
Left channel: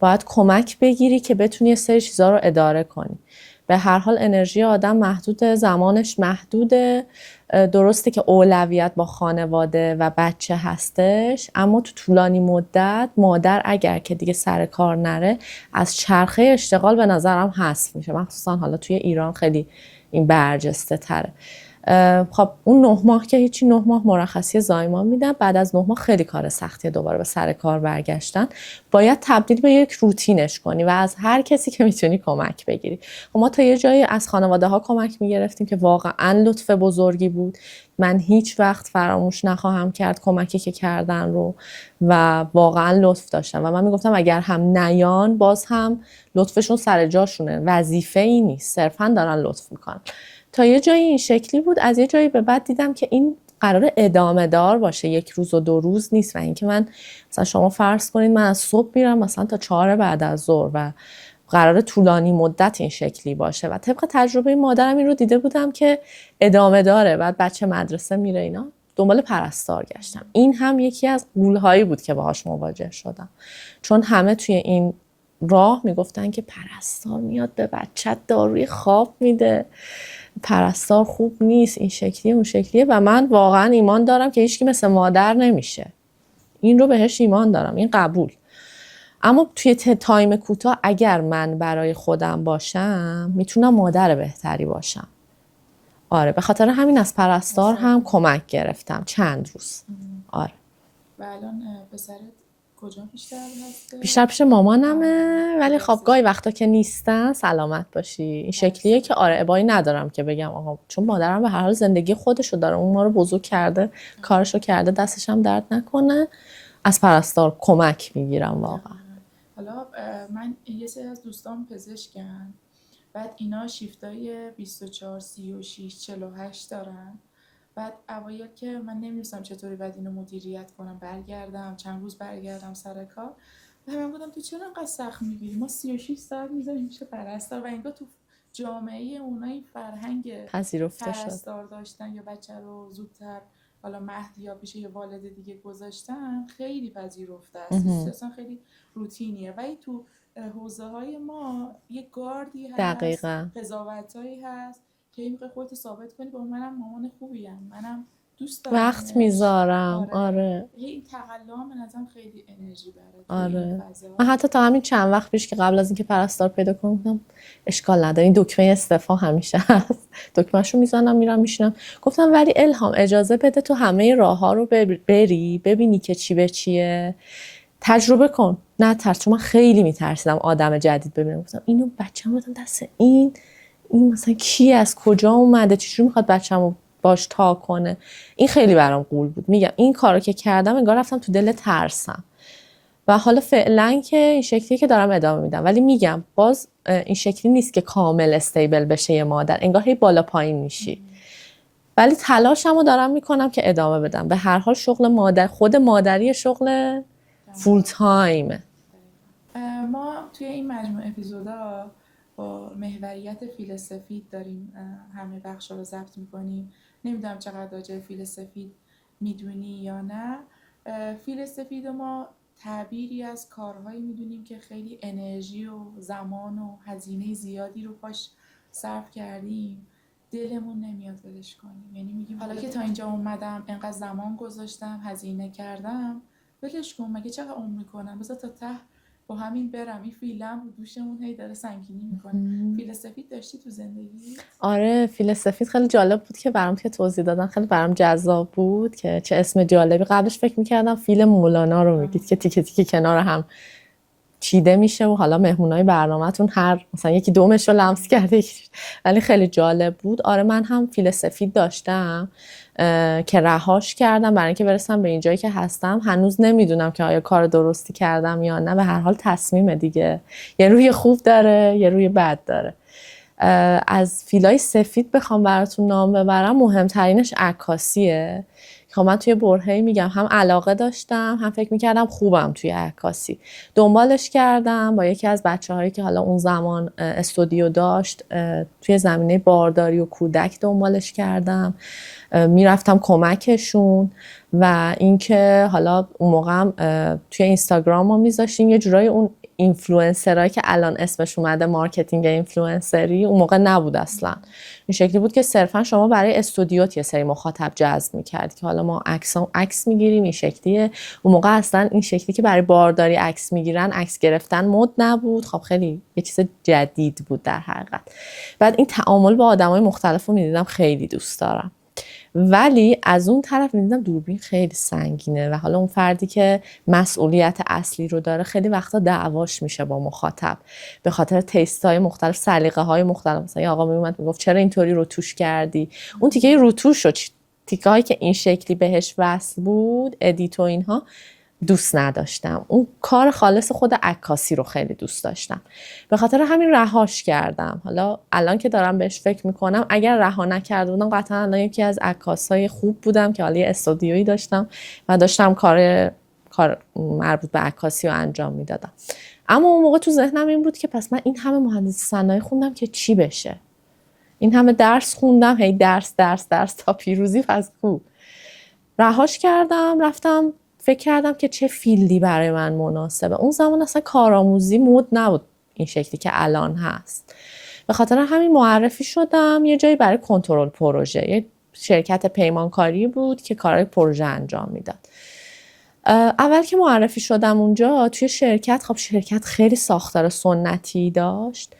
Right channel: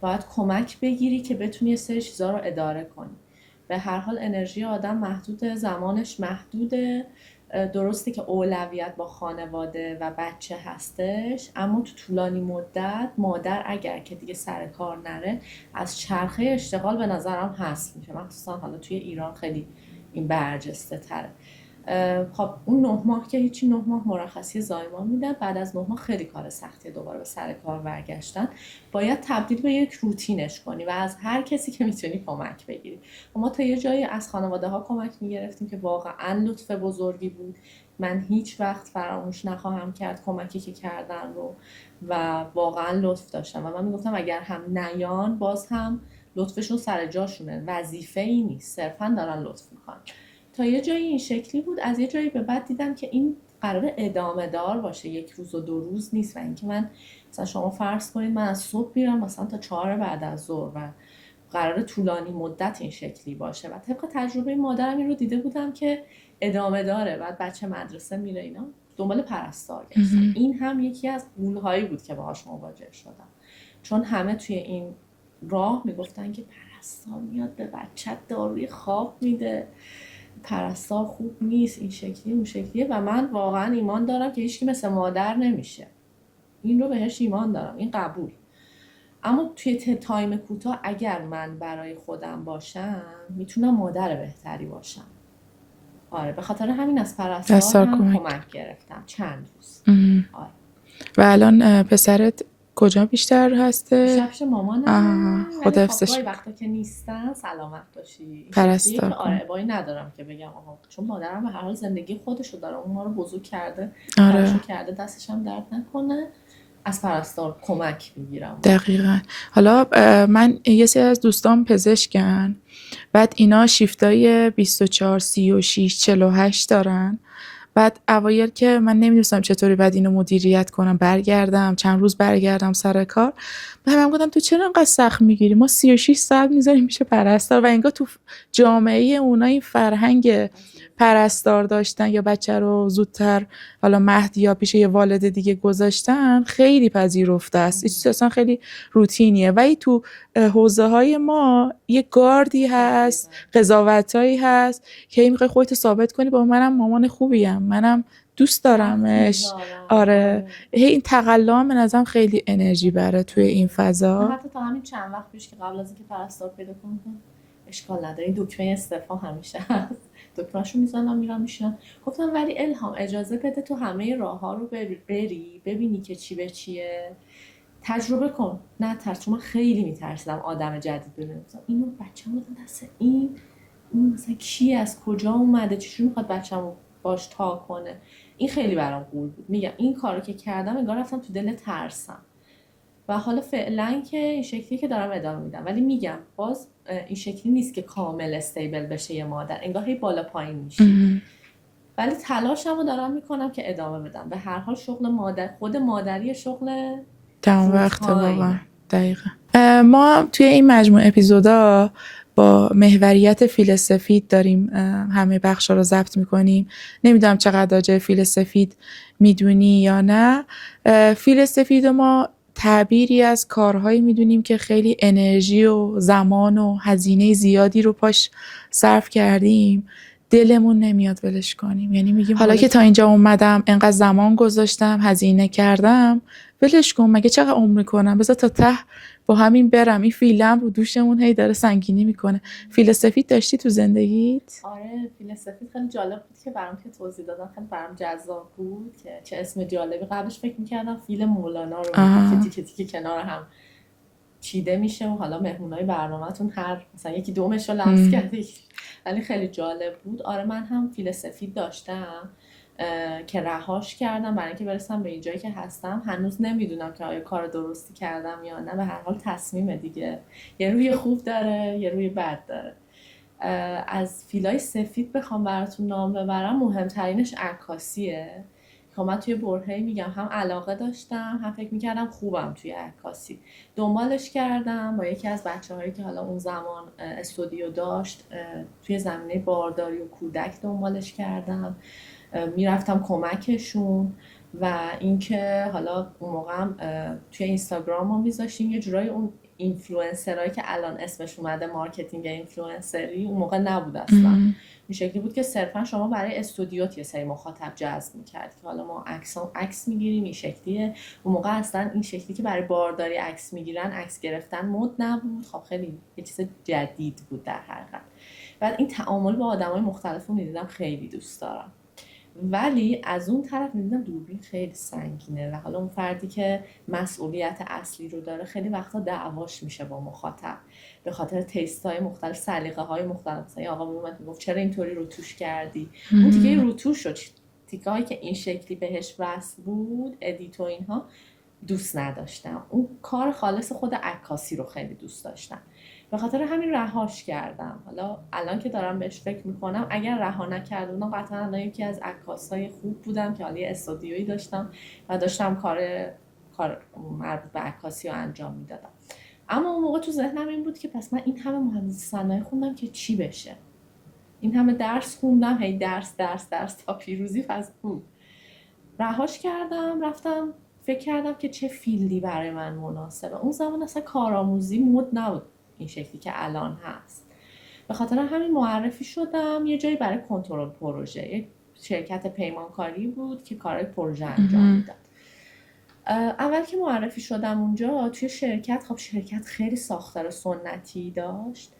باید کمک بگیری که بتونی یه سری چیزا رو اداره کنی. به هر حال انرژی آدم محدوده، زمانش محدوده. درسته که اولویت با خانواده و بچه هستش، اما تو طولانی مدت مادر اگر که دیگه سر کار نره از چرخه اشتغال به نظرم حذف میشه. مخصوصا حالا توی ایران خیلی این برجسته تره. خب اون 9 ماه که هیچی، 9 ماه مرخصی زایمان میدن. بعد از 9 ماه خیلی کار سختیه دوباره به سر کار برگشتن. باید تبدیل به یک روتینش کنی و از هر کسی که میتونی کمک بگیری. ما تا یه جایی از خانواده ها کمک میگرفتیم که واقعا لطف بزرگی بود. من هیچ وقت فراموش نخواهم کرد کمکی که کردن رو و واقعا لطف داشتن و من میگفتم اگر هم نیان باز هم لطفشون سر جاشونه، وظیفه ای نیست، صرفا دارن لطف میکنن. تا یه جایی این شکلی بود. از یه جایی به بعد دیدم که این قراره ادامه دار باشه، 1 روز و 2 روز نیست. و اینکه من مثلا شما فرض کنید من از صبح میرم مثلا تا 4 بعد از ظهر و قراره طولانی مدت این شکلی باشه و طبق تجربه مادرم این رو دیده بودم که ادامه داره. بعد بچه مدرسه میره اینا، دنبال پرستار گشتم. این هم یکی از غول‌هایی بود که باهاش مواجه شدم، چون همه توی این راه میگفتن که پرستار میاد به بچت داروی خواب میده، پرستار خوب نیست، این شکلیه اون شکلیه. و من واقعا ایمان دارم که هیچکی مثل مادر نمیشه. این رو بهش ایمان دارم، این قبول. اما توی تایم کوتاه اگر من برای خودم باشم میتونم مادر بهتری باشم. آره به خاطر همین از پرستار هم کمک گرفتم چند روز. آره. و الان پسرت کجا بیشتر هسته؟ بیشتر پیش مامانمه، ولی خب گاهی وقتا که نیستن سلامت باشی این شکلیه که آره ابایی ندارم که بگم آقا، چون مادرم به هر حال زندگی خودشو داره، اون ما رو بزرگ کرده، کارشو کرده، دستش هم درد نکنه. از پرستار کمک میگیرم. دقیقاً. حالا من یه سری از دوستان پزشکن، بعد اینا شیفتای 24 36 48 دارن. بعد اوایل که من نمیدونستم چطوری بعد اینو مدیریت کنم، برگردم چند روز برگردم سر کار، به هم گفتم تو چرا انقدر سخت میگیری؟ ما 36 ساعت میذاریم میشه پرستار. و انگار تو جامعه اونا این فرهنگ پرستار داشتن یا بچه رو زودتر حالا مهد یا پیش یه والد دیگه گذاشتن خیلی پذیرفته است. این اصلا خیلی روتینیه. ولی تو حوزه های ما یه گاردی هست، قضاوتایی هست که میخوای خودت ثابت کنی با منم مامان خوبیم، منم دوست دارمش. آره. این تقلا به نظرم خیلی انرژی بره توی این فضا. من حتی تا همین چند وقت پیش که قبل از اینکه پرستار پیدا کنم اشکال نداره، این دکمه استعفا همیشه هست، دکمهشو میزنم میرم میشینم. گفتم ولی الهام اجازه بده تو همه راه‌ها رو بری، ببینی که چی به چیه، تجربه کن، نه ترس. چون من خیلی میترسیدم آدم جدید ببینم. گفتم اینو بچه‌م بدم دست این مثلا کی از کجا اومده، چجوری میخواد بچه‌مو باش تا کنه. این خیلی برام غول بود. میگم این کارو که کردم انگار رفتم تو دل ترسم و حالا فعلا که این شکلی که دارم ادامه میدم. ولی میگم باز این شکلی نیست که کامل استیبل بشه یه مادر، انگار هی بالا پایین میشی. ولی تلاشمو دارم میکنم که ادامه بدم. به هر حال شغل مادر، خود مادری شغل فول تایم. دقیقاً. ما توی این مجموعه اپیزودا با محوریت فیل سفید داریم همه بخشا رو ضبط میکنیم. نمیدونم چقدر راجع فیل سفید میدونی یا نه. فیل سفید ما تعبیری از کارهایی میدونیم که خیلی انرژی و زمان و هزینه زیادی رو پاش صرف کردیم، دلمون نمیاد ولش کنیم. یعنی میگیم حالا که تا اینجا اومدم، انقدر زمان گذاشتم، هزینه کردم، ولش کن، مگه چقدر عمر میکنم، بذار تا ته با همین برم. این فیلم رو دوشمون هی داره سنگینی میکنه. فیل سفید داشتی تو زندگیت؟ آره فیل سفید خیلی جالب بود که برام که توضیح دادن، خیلی برام جذاب بود که چه اسم جالبی. قبلش فکر میکردم فیل مولانا رو میگید که تیکه تیکه کنار هم چیده میشه و حالا مهمونای برنامه‌تون هر مثلا یکی دومش رو لمس کرده، ولی خیلی جالب بود. آره من هم فیل سفید داشتم که رهاش کردم برای اینکه برسم به اینجایی که هستم. هنوز نمیدونم که آیا کار درستی کردم یا نه. به هر حال تصمیمه دیگه، یه روی خوب داره یه روی بد داره. از فیلای سفید بخوام براتون نام ببرم، مهمترینش عکاسیه. خب من توی برهه‌ای میگم هم علاقه داشتم، هم فکر میکردم خوبم توی عکاسی. دنبالش کردم با یکی از بچه‌هایی که حالا اون زمان استودیو داشت، توی زمینه بارداری و کودک دنبالش کردم، میرفتم کمکشون. و اینکه حالا اون موقع هم توی اینستاگرام ما میذاشتیم یه جورایی اون اینفلوئنسرایی که الان اسمش اومده مارکتینگ اینفلوئنسری، اون موقع نبود اصلا. این شکلی بود که صرفا شما برای استودیوت یه سری مخاطب جذب می‌کردی که حالا ما عکس میگیریم این شکلیه. اون موقع اصلا این شکلی که برای بارداری عکس میگیرن، عکس گرفتن مد نبود. خب خیلی یه چیز جدید بود در حقیقت. بعد این تعامل با آدمای مختلف رو می‌دیدم، خیلی دوست دارم. ولی از اون طرف می‌دیدم دوربین خیلی سنگینه و حالا اون فردی که مسئولیت اصلی رو داره خیلی وقتا دعواش میشه با مخاطب به خاطر تیست‌های مختلف، سلیقه‌های مختلف. مثلا یه آقا میومد میگفت چرا اینطوری روتوش کردی؟ اون تیکه روتوش رو، تیکه‌هایی که این شکلی بهش وصل بود، ادیت و اینها دوست نداشتم. اون کار خالص خود عکاسی رو خیلی دوست داشتم، به خاطر همین رهاش کردم. حالا الان که دارم بهش فکر میکنم، اگر رها نکرده بودم قطعا الان یکی از عکاسای خوب بودم که حالا یه استودیویی داشتم و داشتم کار مربوط به عکاسی رو انجام میدادم. اما اون موقع تو ذهنم این بود که پس من این همه مهندسی صنایع خوندم که چی بشه؟ این همه درس خوندم، هی درس تا پیروزی، پس خوب. رهاش کردم، رفتم فکر کردم که چه فیلدی برای من مناسبه. اون زمان اصلا کارآموزی مد نبود این شکلی که الان هست. به خاطر همین معرفی شدم یه جایی برای کنترل پروژه، یه شرکت پیمانکاری بود که کارهای پروژه انجام میداد. اول که معرفی شدم اونجا توی شرکت، خب شرکت خیلی ساختار سنتی داشت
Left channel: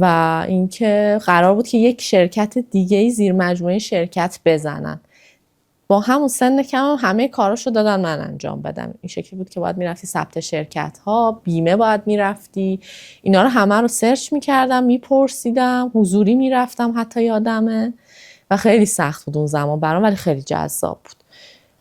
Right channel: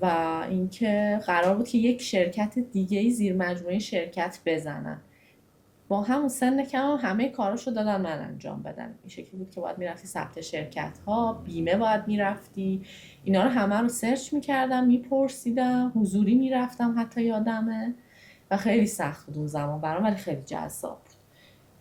و اینکه قرار بود که یک شرکت دیگه زیر مجموعه شرکت بزنن. با همون سن کم همه کاراشو دادن من انجام بدم. این شکلی بود که باید میرفتی ثبت شرکت ها، بیمه باید میرفتی، اینا رو همه رو سرچ میکردم، میپرسیدم، حضوری میرفتم حتی یادمه و خیلی سخت بود اون زمان برام، ولی خیلی جذاب بود.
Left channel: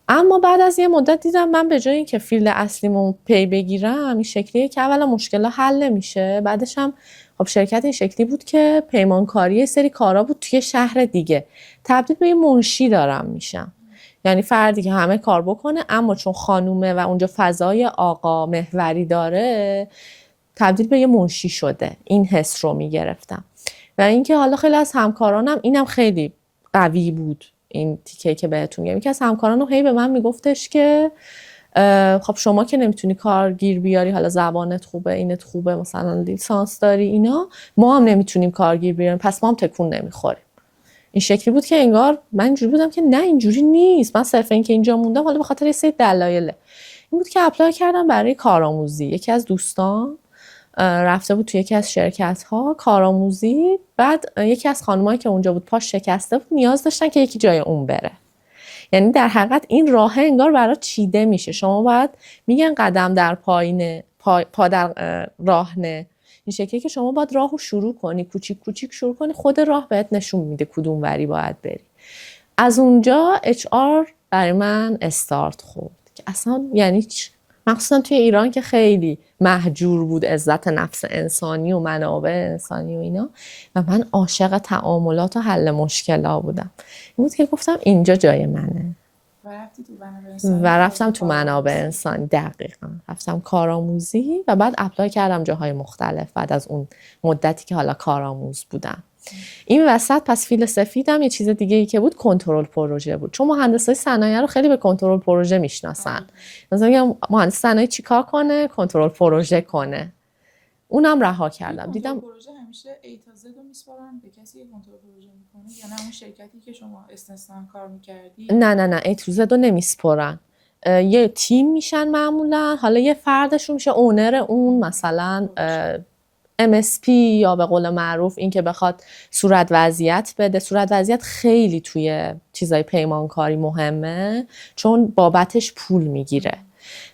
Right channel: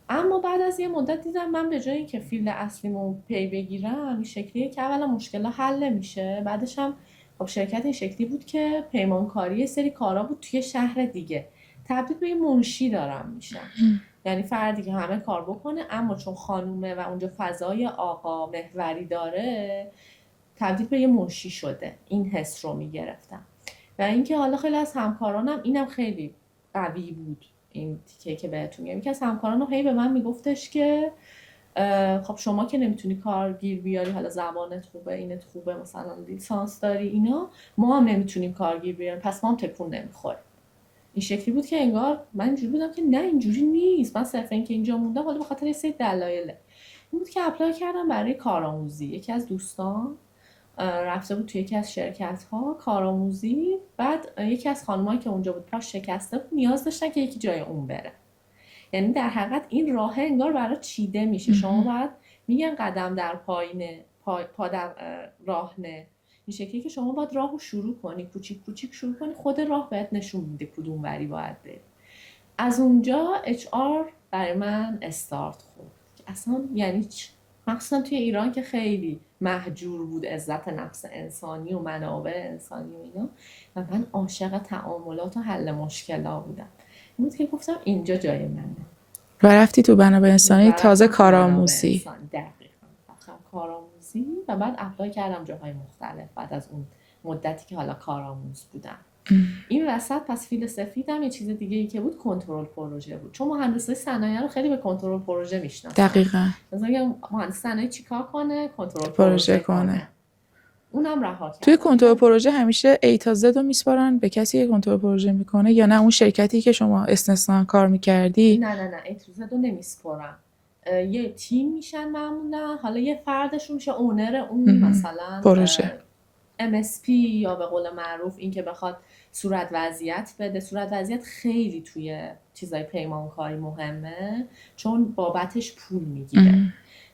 اما بعد از یه مدت دیدم من به جای اینکه فیلد اصلیمو پی بگیرم این شکلیه که اولا مشکل حل نمیشه، بعدش هم خب شرکت این شکلی بود که پیمانکاری یه سری کارا بود توی شهر دیگه، تبدیل به یه منشی دارم میشم. یعنی فردی که همه کار بکنه اما چون خانومه و اونجا فضای آقا محوری داره تبدیل به یه منشی شده. این حس رو میگرفتم و اینکه حالا خیلی از همکارانم اینم خیلی قوی بود. این تیکه که بهتون میگم، یکی از همکارانم هی به من میگفتش که خب شما که نمیتونی کارگیر بیاری، حالا زبانت خوبه، اینت خوبه، مثلا لیسانس داری اینا، ما هم نمیتونیم کارگیر بیاریم، پس ما هم تکون نمیخوریم. این شکلی بود که انگار من اینجوری بودم که نه اینجوری نیست، من صرف این که اینجا موندم حالا به خاطر یه سری دلایله. این بود که اپلای کردم برای کارآموزی. یکی از دوستان رفته بود توی یکی از شرکت ها کارآموزی، بعد یکی از خانمایی که اونجا بود پاش شکسته بود، نیاز داشتن که یکی جای اون بره. یعنی در حقیقت این راه انگار برای چیده میشه، شما باید میگن قدم در پایینه، پا در راه نه، این شکلی که شما باید راهو شروع کنی، کوچیک کوچیک شروع کنی، خود راه بهت نشون میده کدوم وری باید بری. از اونجا HR برای من استارت خورد که اصلا یعنی مخصوصا توی ایران که خیلی مهجور بود عزت نفس انسانی و منابع انسانی و اینا، و من عاشق تعاملات و حل مشکلات بودم. این بود که گفتم اینجا جای منه و رفتی تو منابع انسانی، تازه منابع کارآموزی. انسانی. دقیقاً رفتم کارآموزی و بعد اپلای کردم جاهای مختلف بعد از اون مدتی که حالا کارآموز بودم. این وسط پس فیل سفیدم یه چیز دیگه ای که بود کنترل پروژه بود، چون مهندسای صنایع رو خیلی به کنترل پروژه میشناسن. دقیقاً. مثلا میگم مهندس صنایع چیکار کنه؟ کنترل پروژه کنه. اونم رها کردم. توی کنترل پروژه همیشه A تا Z رو میسپارن به کسی که کنترل پروژه میکنه، یا نه اون شرکتی که شما استثنا کار میکردی؟ نه A تو Z رو نمیسپرن. یه تیم میشن معمولا، حالا یه فردشون میشه اونر اون مثلا پروژه. MSP یا به قول معروف این که بخواد صورت وضعیت بده. صورت وضعیت خیلی توی چیزای پیمانکاری مهمه چون بابتش پول میگیره.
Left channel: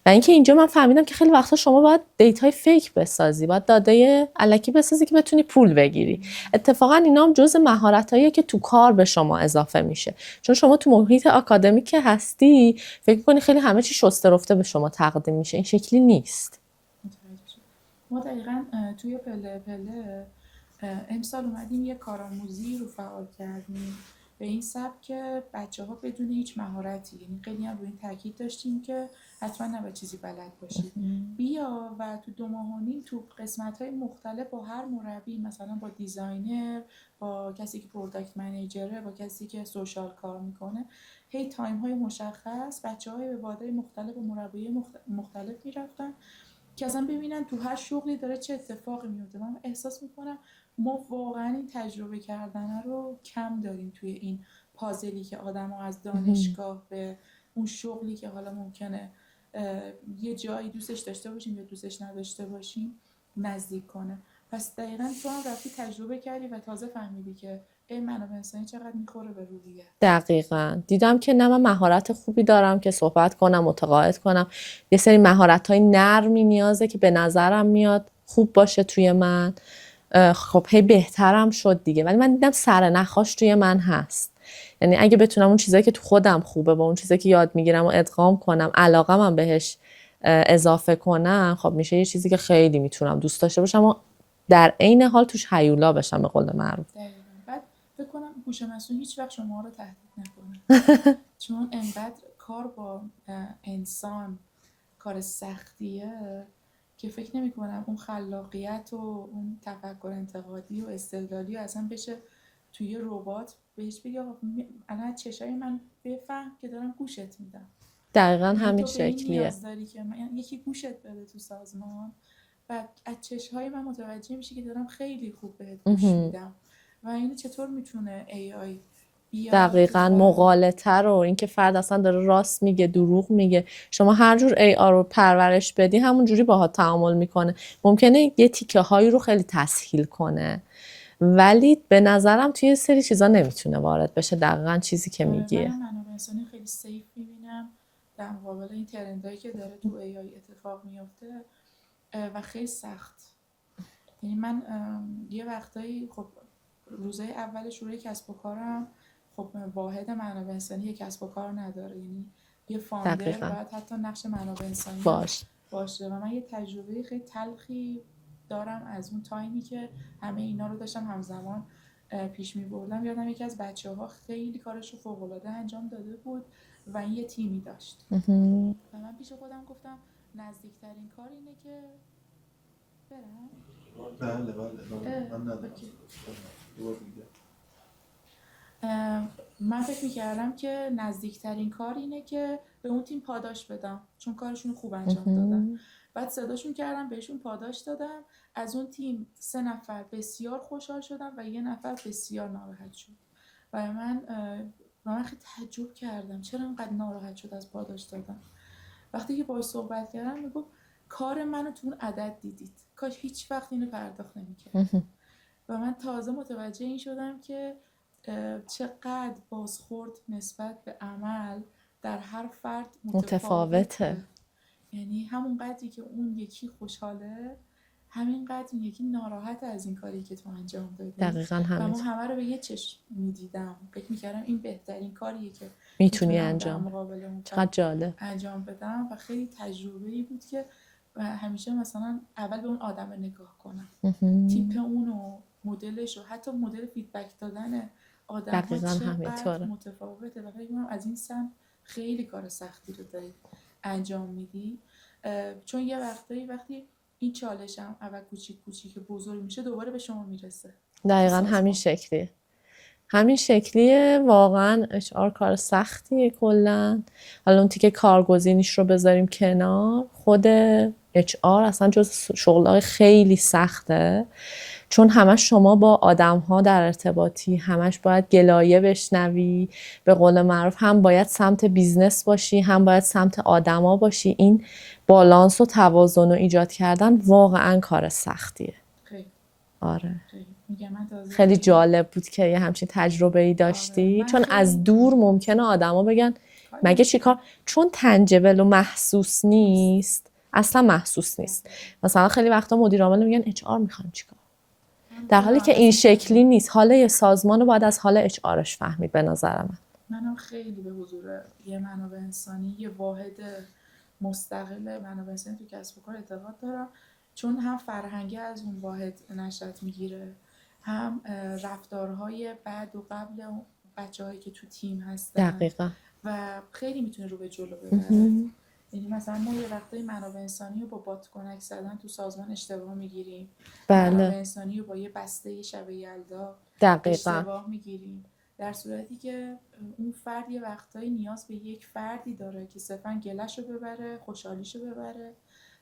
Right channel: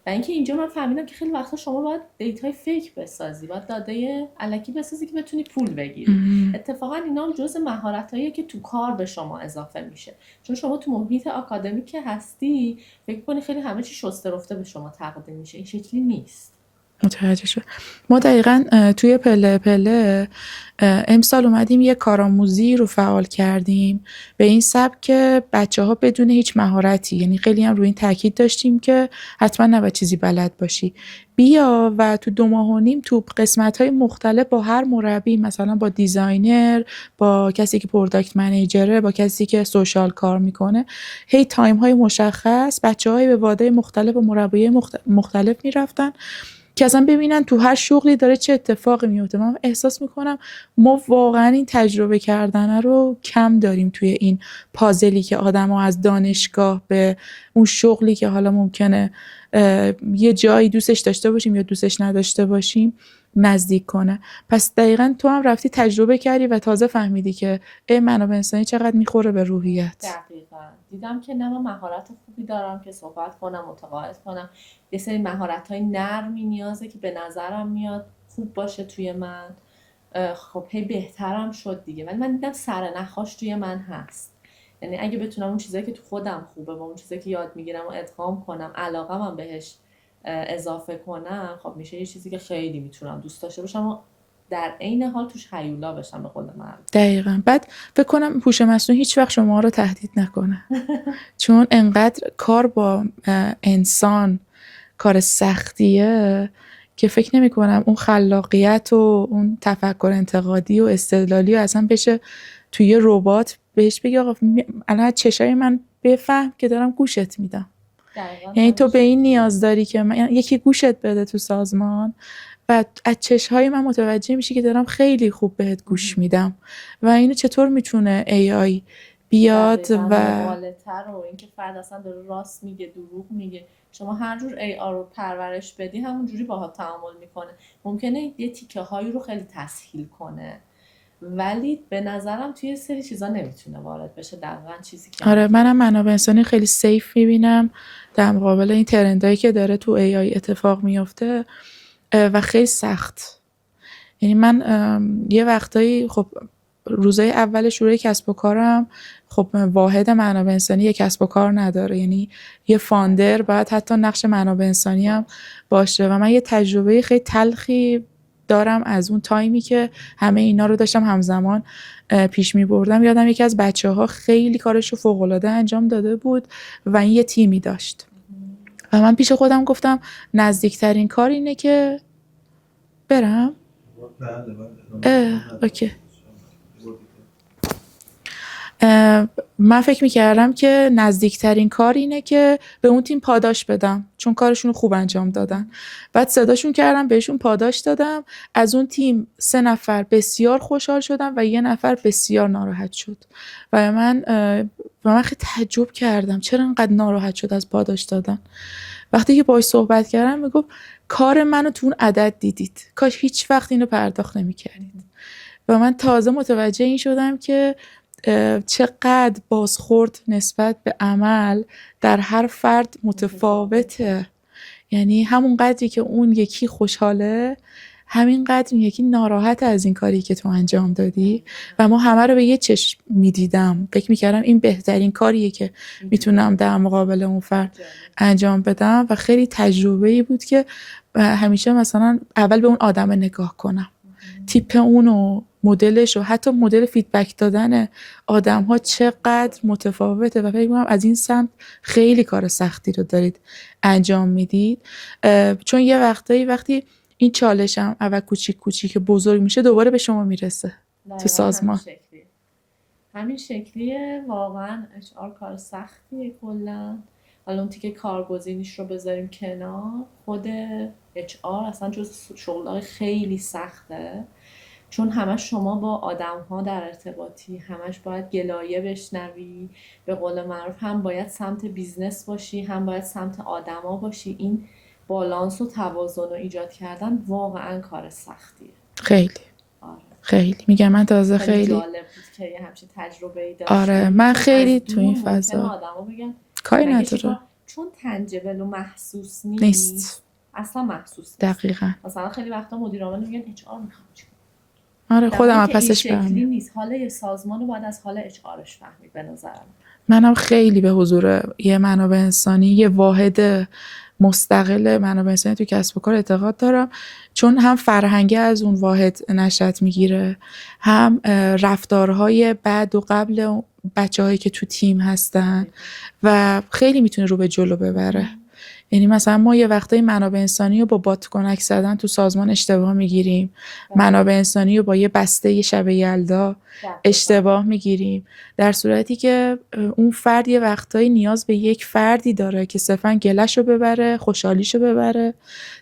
و اینکه اینجا من فهمیدم که خیلی وقتا شما باید دیتای فیک بسازی، باید داده الکی بسازی که بتونی پول بگیری. اتفاقا اینا هم جزء مهارتاییه که تو کار به شما اضافه میشه، چون شما تو محیط آکادمیک که هستی فکر کنی خیلی همه چی شسته رفته به شما تقدیم میشه. این شکلی نیست. متوجه شد. ما دقیقاً توی پله پله امسال اومدیم یه کارآموزی رو فعال کردیم به این سبک که بچه‌ها بدون هیچ مهارتی، یعنی خیلی هم روی این تاکید داشتیم که حتما نباید چیزی بلد باشی، بیا و تو 2 ماه و نیم تو قسمت‌های مختلف با هر مربی، مثلا با دیزاینر، با کسی که پروداکت منیجره، با کسی که سوشال کار میکنه، هی تایم‌های مشخص بچه‌های به وادای مختلف و مربیای مختلف میرفتن که اصلا ببینن تو هر شغلی داره چه اتفاقی میفته. من احساس میکنم ما واقعا این تجربه کردن رو کم داریم توی این پازلی که آدم‌ها از دانشگاه به اون شغلی که حالا ممکنه یه جایی دوستش داشته باشیم یا دوستش نداشته باشیم نزدیک کنه. پس دقیقاً تو هم رفتی تجربه کردی و تازه فهمیدی که منابع انسانی چقدر میخوره به روحیت. دقیقاً دیدم که نه من مهارت خوبی دارم که صحبت کنم، متقاعد کنم. یه سری مهارت‌های نرمی نیازه که به نظرم میاد خوب باشه توی من. خب هی بهترم شد دیگه، ولی من دیدم سر نخاش توی من هست. یعنی اگه بتونم اون چیزایی که تو خودم خوبه با اون چیزایی که یاد میگیرم و ادغام کنم، علاقه‌م بهش اضافه کنم، خب میشه یه چیزی که خیلی میتونم دوست داشته باشم و در عین حال توش هیولا بشم به قول معروف. دقیقاً. بعد فکر کنم هوش مصنوعی هیچ وقت شما رو تهدید نکنه چون انقدر کار با انسان کار سختیه که فکر نمی کنم اون خلاقیت و اون تفکر انتقادی و استدلالی و اصلا بشه توی یه ربات بهش بگی آقا الان چشای من بفهم که دارم گوشت میدم. دقیقاً یعنی تو به این نیاز داری که یکی گوشت بده تو سازمان و از چشهای من متوجه میشی که دارم خیلی خوب بهت گوش میدم. و اینو چطور میتونه AI بیاد دقیقاً و مغالطه رو، اینکه فرد اصلا داره راست میگه دروغ میگه، شما هر جور AR رو پرورش بدی همون جوری باهات تعامل میکنه. ممکنه یه تیکه هایی رو خیلی تسهیل کنه، ولی به نظرم توی یه سری چیزا نمیتونه وارد بشه. دقیقاً چیزی که آره میگی. منم منابع انسانی خیلی سیف میبینم در مقابل این ترندایی که داره تو AI اتفاق میفته و خیلی سخت. یعنی من یه وقتایی خب روزای اول شروع کسب و کارم خب واحد منابع انسانی یه کسب و کار نداره، یعنی یه فاندر دقیقاً باید حتی نقش منابع انسانی هم باش. باشه و من یه تجربه خیلی تلخی دارم از اون تایمی که همه اینا رو داشتم همزمان پیش می بردم. یادم یکی از بچه‌ها خیلی کارش رو فوق‌العاده انجام داده بود و این یه تیمی داشت و من پیش خودم گفتم نزدیکترین کار اینه که برم. بله اوکی. من فکر میکردم که نزدیکترین کار اینه که به اون تیم پاداش بدم چون کارشون رو خوب انجام دادن. بعد صداشون کردم بهشون پاداش دادم. از اون تیم 3 نفر بسیار خوشحال شدن و 1 نفر بسیار ناراحت شد و من خیلی تعجب کردم چرا انقدر ناراحت شد از پاداش دادن. وقتی که باهاش صحبت کردم میگفت کار منو تو اون عدد دیدید، کاش هیچ وقت اینو پرداخت نمی‌کرد. و من تازه متوجه این شدم که چقدر بازخورد نسبت به عمل در هر فرد متفاوته. یعنی همون قدری که اون یکی خوشحاله همین قدر این یکی ناراحت از این کاری که تو انجام دادی و ما همه رو به یه چشم میدیدم، فکر میکردم این بهترین کاریه که میتونم در مقابل اون فرد انجام بدم و خیلی تجربه‌ای بود که همیشه مثلا اول به اون آدم نگاه کنم، تیپ اونو، مدلش و حتی مدل فیدبک دادن آدم ها چقدر متفاوته و فکر می‌کنم از این سمت خیلی کار سختی رو دارید انجام میدید. چون یه وقتی این چالشم اول کوچیک بزرگ میشه دوباره به شما میرسه. دقیقاً همین شکلیه. واقعا HR کار سختیه کلا. حالا اون تیکه کارگزینیش رو بذاریم کنار، خود HR اصلا جز شغلای خیلی سخته، چون همش شما با آدم‌ها در ارتباطی، همش باید گلایه بشنوی، به قول معروف هم باید سمت بیزنس باشی هم باید سمت آدما باشی. این بالانس و توازن رو ایجاد کردن واقعا کار سختیه. خیلی آره خیلی میگم من تازه خیلی جالب بود که یه همچین تجربه‌ای داشتی. آره من چون خیلی از دور ممکنه آدما بگن مگه چی کار، چون تنجبل و محسوس نیست. اصلا محسوس نیست. دقیقاً. مثلا خیلی وقتا مدیر عامل میگن اچ آر میخوام چیکار. آره خودم که این شکلی نیست. حالا یه سازمان رو باید از حال اچ آرش فهمید به نظر منم خیلی به حضور یه منابع انسانی، یه واحد مستقل منابع انسانی تو کسب و کار اعتقاد دارم، چون هم فرهنگی از اون واحد نشأت میگیره، هم رفتارهای بعد و قبل بچه‌هایی که تو تیم هستن و خیلی میتونه رو به جلو ببره. یعنی مثلا ما یه وقتایی منابع انسانی رو با بات کنک زدن تو سازمان اشتباه میگیریم. منابع انسانی رو با یه بسته شب یلدا اشتباه میگیریم، در صورتی که اون فرد یه وقتایی نیاز به یک فردی داره که صرفا گلش رو ببره، خوشحالیش رو ببره،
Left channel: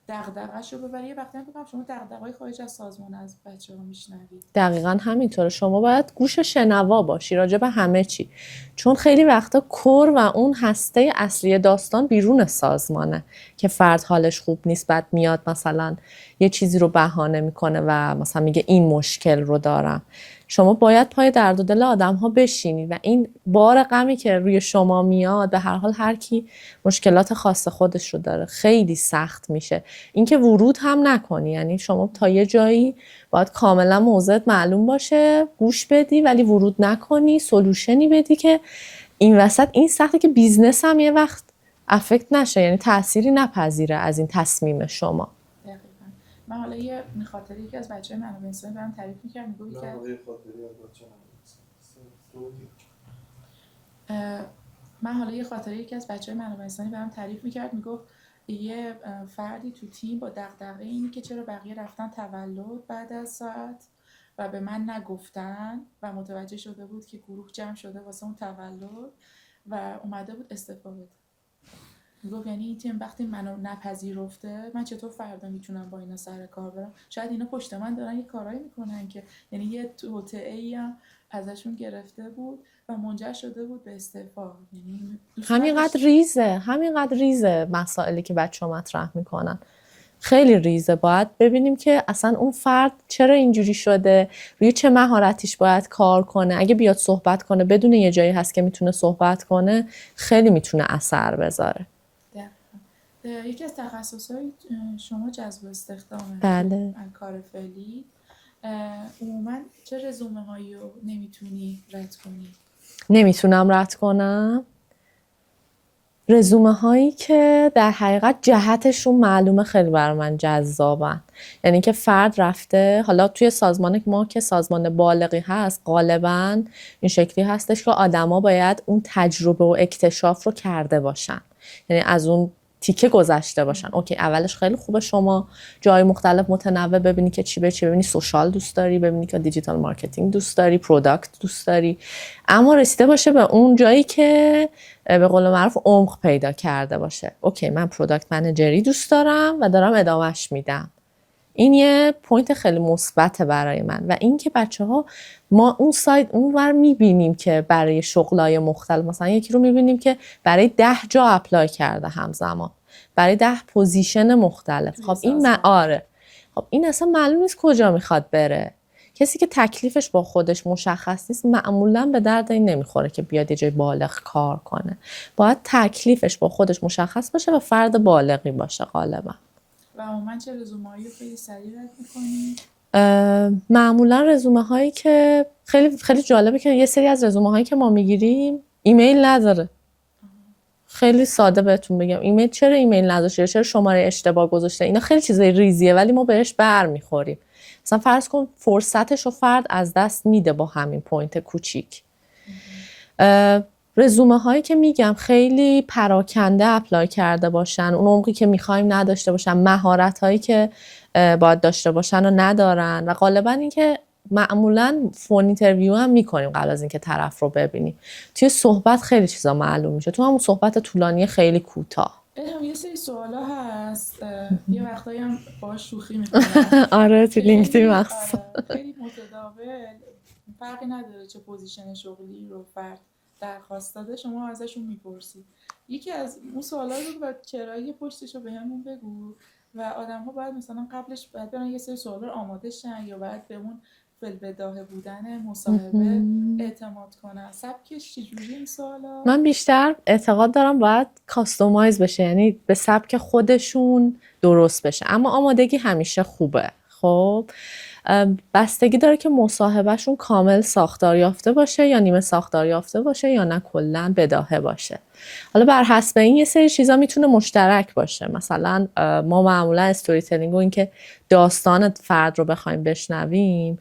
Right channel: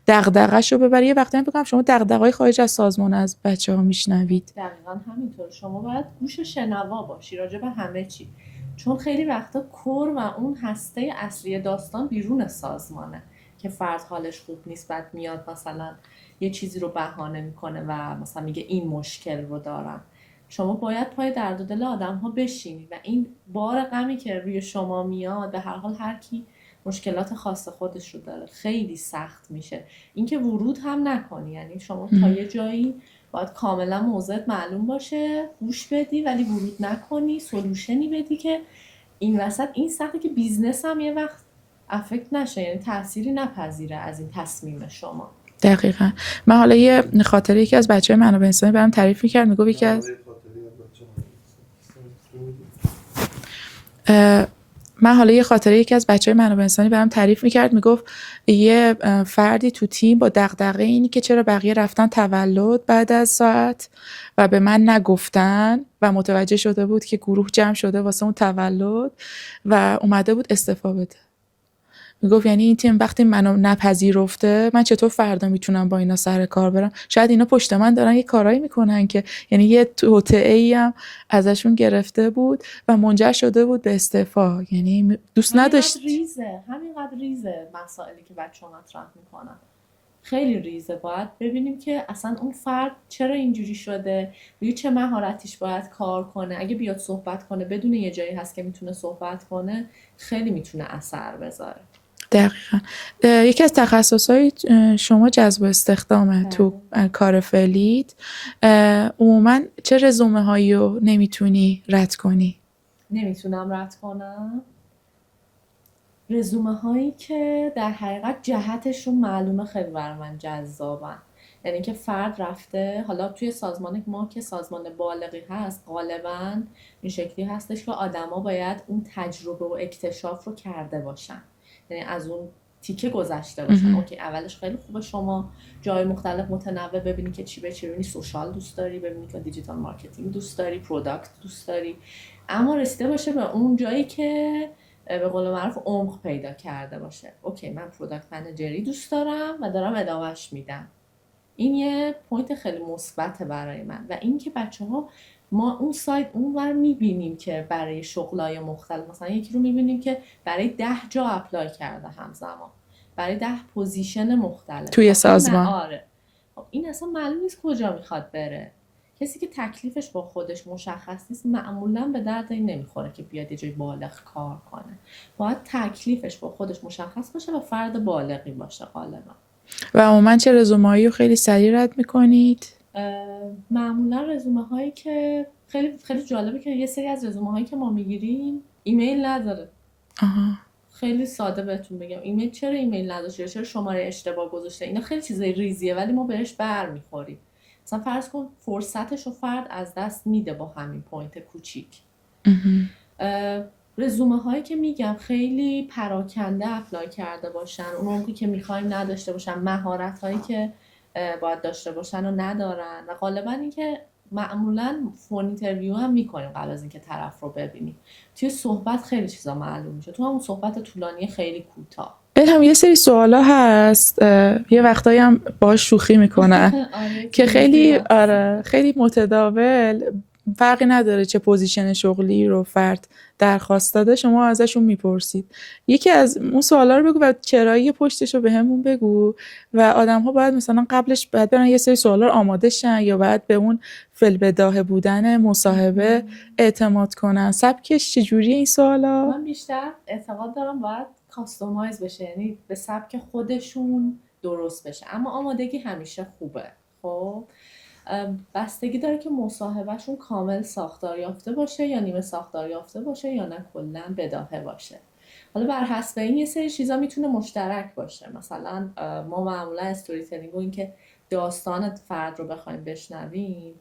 دغدغه‌ش رو ببره. یه وقتایی فکر کنم شما دغدغه‌های خارج از سازمان از بچه‌ها میشنوید. دقیقاً همینطوره. شما باید گوش شنوا باشی راجع به همه چی، چون خیلی وقتا کور و اون هسته اصلی داستان بیرون سازمانه که فرد حالش خوب نیست، بعد میاد مثلا یه چیزی رو بهانه میکنه و مثلا میگه این مشکل رو دارم. شما باید پای درد و دل آدم ها بشینید و این بار غمی که روی شما میاد، به هر حال هر کی مشکلات خاص خودش رو داره، خیلی سخت میشه. اینکه ورود هم نکنی، یعنی شما تا یه جایی باید کاملا موضعت معلوم باشه، گوش بدی ولی ورود نکنی، سولوشنی بدی که این وسط این سخته که بیزنس هم یه وقت افکت نشه، یعنی تأثیری نپذیره از این تصمیم شما. دقیقاً. من حالا یه خاطره یکی از بچه‌های منابع انسانی برام تعریف می‌کرد، میگفت یکی از یکی از بچه‌های منابع انسانی برام تعریف می‌کرد، میگفت یه فردی تو تیم با دغدغه اینی که چرا بقیه رفتن تولد بعد از ساعت و به من نگفتن و متوجه شده بود که گروه جمع شده واسه اون تولد و اومده بود استعفا بده میگفت یعنی این تیم وقتی منو نپذیرفته من چطور فردا میتونم با اینا سر کار برم. شاید اینا پشت من دارن یه کارایی میکنن که یعنی یه توطئه‌ای هم ازشون گرفته بود و منجر شده بود به استعفا. یعنی دوست نداشت. همینقدر ریزه مسائلی که بچه‌ها مطرح میکنن، خیلی ریزه. باید ببینیم که اصلا اون فرد چرا اینجوری شده، روی چه مهارتیش باید کار کنه. اگه بیاد صحبت کنه بدون یه جایی هست که میتونه صحبت کنه، خیلی میتونه اثر بذاره. دقیقا. یکی از تخصصهای شما جذب استخدامه. تو کار فعلیت عموما چه رزومه هایی رو نمیتونی رد کنی؟ نمیتونم رد کنم رزومه هایی که در حقیقت جهتشون معلومه خیلی برای من جذابن. یعنی که فرد رفته، حالا توی سازمان ما که سازمان بالغی هست غالبا این شکلی هستش که آدما باید اون تجربه و اکتشاف رو کرده باشن، یعنی از اون تیکه گذشته باشن. اوکی اولش خیلی خوبه شما جای مختلف متنوع ببینی که چی به چی، ببینی سوشال دوست داری، ببینی که دیجیتال مارکتینگ دوست داری، پروداکت دوست داری، اما رسیده باشه به اون جایی که به قول معروف عمق پیدا کرده باشه. اوکی من پروداکت منیجری دوست دارم و دارم ادامهش میدم. این یه پوینت خیلی مثبته برای من. و این که بچه‌ها ما اون سایت اونور میبینیم که برای شغلای مختلف، مثلا یکی رو میبینیم که برای 10 جا اپلای کرده همزمان، برای 10 پوزیشن مختلف توی سازمان. آره. خب این اصلا معلوم نیست کجا میخواد بره. کسی که تکلیفش با خودش مشخص نیست معمولا به درد این نمیخوره که بیاد یه جای بالغ کار کنه. باید تکلیفش با خودش مشخص باشه و فرد بالغی باشه غالبا. و عموما چه رزومه‌هایی رو خیلی سریع رد میکنید؟ معمولا رزومه هایی که خیلی جالبه که یه سری از رزومه هایی که ما میگیریم ایمیل نداره. خیلی ساده بهتون بگم ایمیل، چرا ایمیل نداشته، چرا شماره اشتباه گذاشته، اینا خیلی چیزای ریزیه ولی ما بهش برمیخوریم. مثلا فرض کن فرصتش رو فرد از دست میده با همین پوینت کوچیک. رزومه هایی که میگم خیلی پراکنده اپلای کرده باشن، اون عمقی که میخوایم نداشته باشن، مهارت هایی که باید داشته باشن و ندارن. و غالبا این که معمولا فون اینترویو هم میکنیم قبل از اینکه طرف رو ببینیم. توی صحبت خیلی چیزا معلوم میشه، تو همون صحبت طولانی خیلی کوتاه. هم یه سری سوالا هست یه وقتایی هم باهاش شوخی میکنن آره که خیلی متداول، فرقی نداره چه پوزیشن شغلی رو فرد درخواست داده شما ازشون میپرسید. یکی از اون سوالا رو بگو و چرایی پشتش رو بهمون بگو و آدم‌ها باید مثلا قبلش باید برن یه سری سوالا رو آماده شن یا باید به اون فی‌البداهه بودن مصاحبه اعتماد کنن. سبکش چجوریه این سوالا؟ من بیشتر اعتقاد دارم باید کاستومایز بشه، یعنی به سبک خودشون درست بشه، اما آمادگی همیشه خوبه. خب بستگی داره که مصاحبهشون کامل ساختار یافته باشه یا نیمه ساختار یافته باشه یا نه کلا بداهه باشه. حالا بر حسب این یه سری چیزا میتونه مشترک باشه. مثلا ما معمولا استوری تلینگ و این که داستان فرد رو بخوایم بشنویم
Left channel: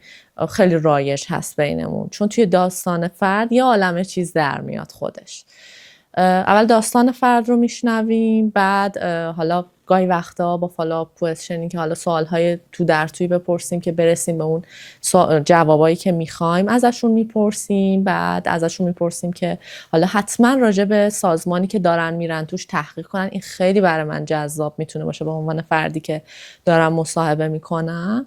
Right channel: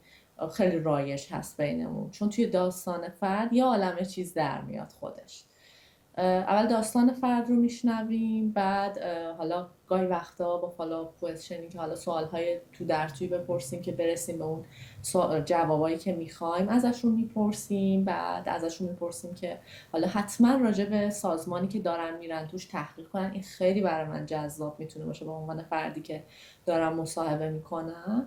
خیلی رایج هست بینمون، چون توی داستان فرد یه عالمه چیز در میاد خودش. اول داستان فرد رو میشنویم، بعد حالا گاهی وقتا با فالوآپ کوئسچنینگ که حالا سوالهای تو در توی بپرسیم که برسیم به اون جوابایی که میخوایم ازشون میپرسیم. بعد ازشون میپرسیم که حالا حتما راجع به سازمانی که دارن میرن توش تحقیق کنن. این خیلی برای من جذاب میتونه باشه به عنوان فردی که دارم مصاحبه میکنم.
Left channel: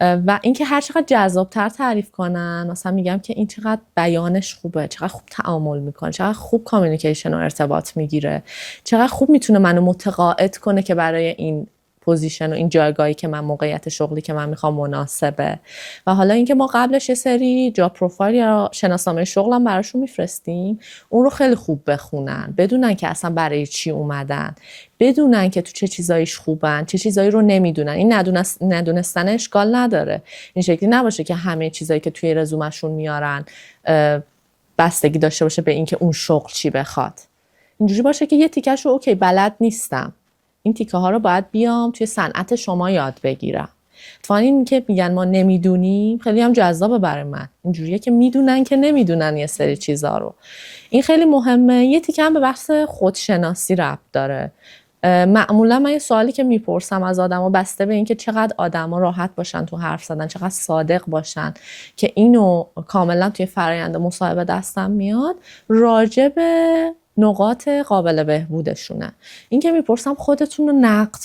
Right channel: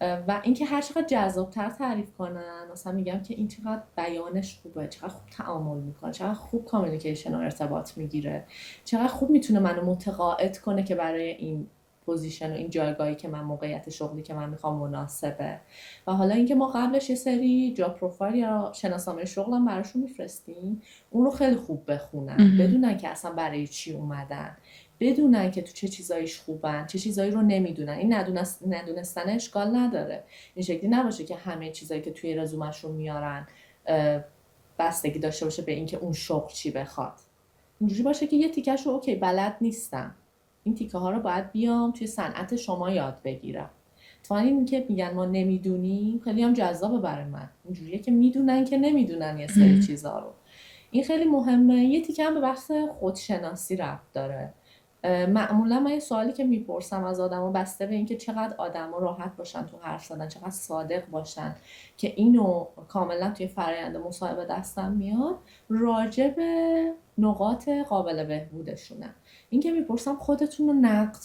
و اینکه هر چقدر جذابتر تعریف کنن، مثلا میگم که این چقدر بیانش خوبه، چقدر خوب تعامل میکنه، چقدر خوب کامیونیکیشن و ارتباط میگیره، چقدر خوب میتونه منو متقاعد کنه که برای این پوزیشن و این جایگاهی که من موقعیت شغلی که من میخوام مناسبه. و حالا اینکه ما قبلش یه سری جاب پروفایل یا شناسنامه شغلم براشون میفرستیم، اون رو خیلی خوب بخونن، بدونن که اصلا برای چی اومدن، بدونن که تو چه چیزایش خوبن، چه چیزایی رو نمیدونن. این ندونستن اشکال نداره، این شکلی نباشه که همه چیزایی که توی رزومشون میارن بستگی داشته باشه به اینکه اون شغل چی بخواد. اینجوری باشه که یه تیکش رو اوکی بلد نیستم، این تیکه ها رو باید بیام توی صنعت شما یاد بگیرم. اتفاقا این که میگن ما نمیدونیم خیلی هم جذابه برای من، اینجوریه که میدونن که نمیدونن یه سری چیزا رو. این خیلی مهمه. یه تیکه هم به بحث خودشناسی ربط داره. معمولا من یه سوالی که میپرسم از آدما بسته به این که چقدر آدما راحت باشن تو حرف زدن، چقدر صادق باشن، که اینو کاملا توی فرآیند مصاحبه دستم میاد، راجع به نقاط قابل بهبودشونه. این که میپرسم خودتون رو نقد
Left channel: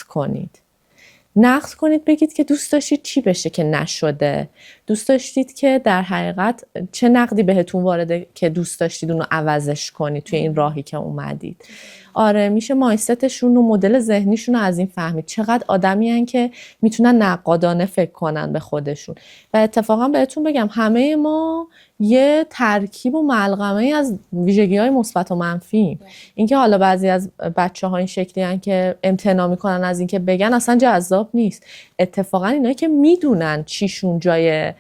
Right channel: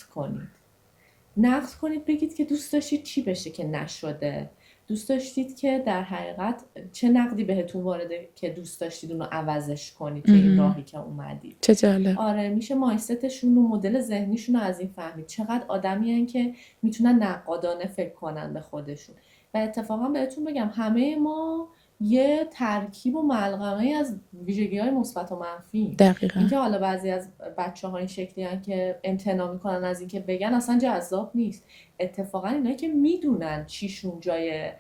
کنید، بگید که دوست داشتید چی بشه که نشده، دوست داشتید که در حقیقت چه نقدی بهتون وارده که دوست داشتید اونو عوضش کنید توی این راهی که اومدید. چه جالب. آره، میشه مایندستشون و مدل ذهنیشون رو از این فهمید، چقدر آدمی هن که میتونن نقادانه فکر کنن به خودشون. و اتفاقا بهتون بگم همه ما یه ترکیب و ملغمه از ویژگی‌های مثبت و منفی. دقیقاً. اینکه حالا بعضی از بچه‌ها این شکلی هن که امتناع میکنن از اینکه بگن اصلا جذاب نیست. اتفاقا اینایی که میدونن چیشون جای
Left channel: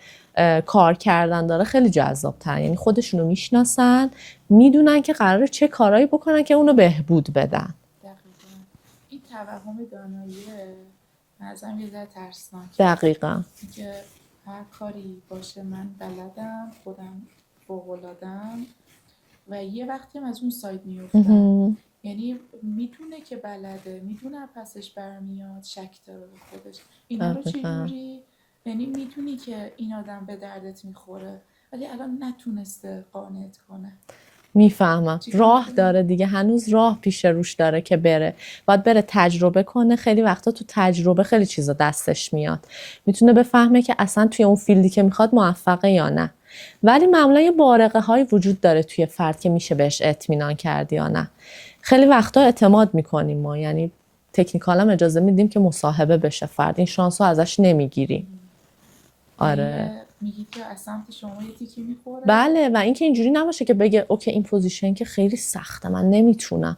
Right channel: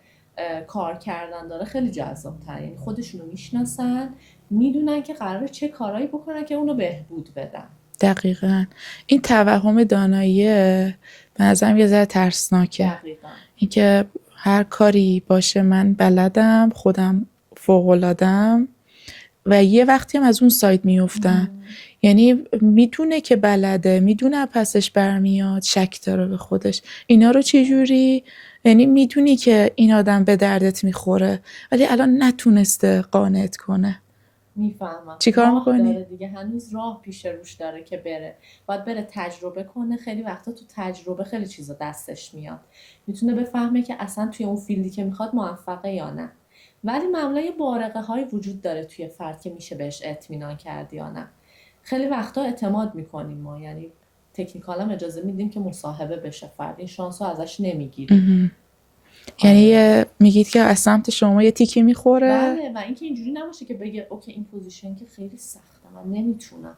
کار کردن داره خیلی جذاب تر، یعنی خودشونو میشناسن، میدونن که قراره چه کارایی بکنن که اونو بهبود بدن. دقیقاً. این توهم دانایی به نظرم یه ذره ترسناکه. دقیقاً. اینکه هر کاری باشه من بلدم، خودم فوق‌العاده‌ام و یه وقتی هم از اون سایت میفتن. یعنی میدونه که بلده، میدونه پسش برمیاد، شک داره به خودش. اینا رو چه جوری؟ یعنی میدونی که این آدم به دردت میخوره ولی الان نتونسته قانعت کنه. میفهمم. راه داره دیگه، هنوز راه پیش روش داره که بره، باید بره تجربه کنه. خیلی وقتا تو تجربه خیلی چیزا دستش میاد، میتونه بفهمه که اصلا توی اون فیلدی که میخواد موفقه یا نه. ولی معمولا یه بارقه های وجود داره توی فرد که میشه بهش اطمینان کرد یا نه. خیلی وقتا اعتماد میکنیم ما، یعنی تکنیکال هم اجازه میدیم که مصاحبه بشه فرد، این شانس رو ازش نمیگیریم. یعنی میگید که از سمت شما یه تیکی میخوره؟ بله، و اینکه اینجوری نباشه که بگه اوکی این پوزیشن که خیلی سخته من نمیتونم.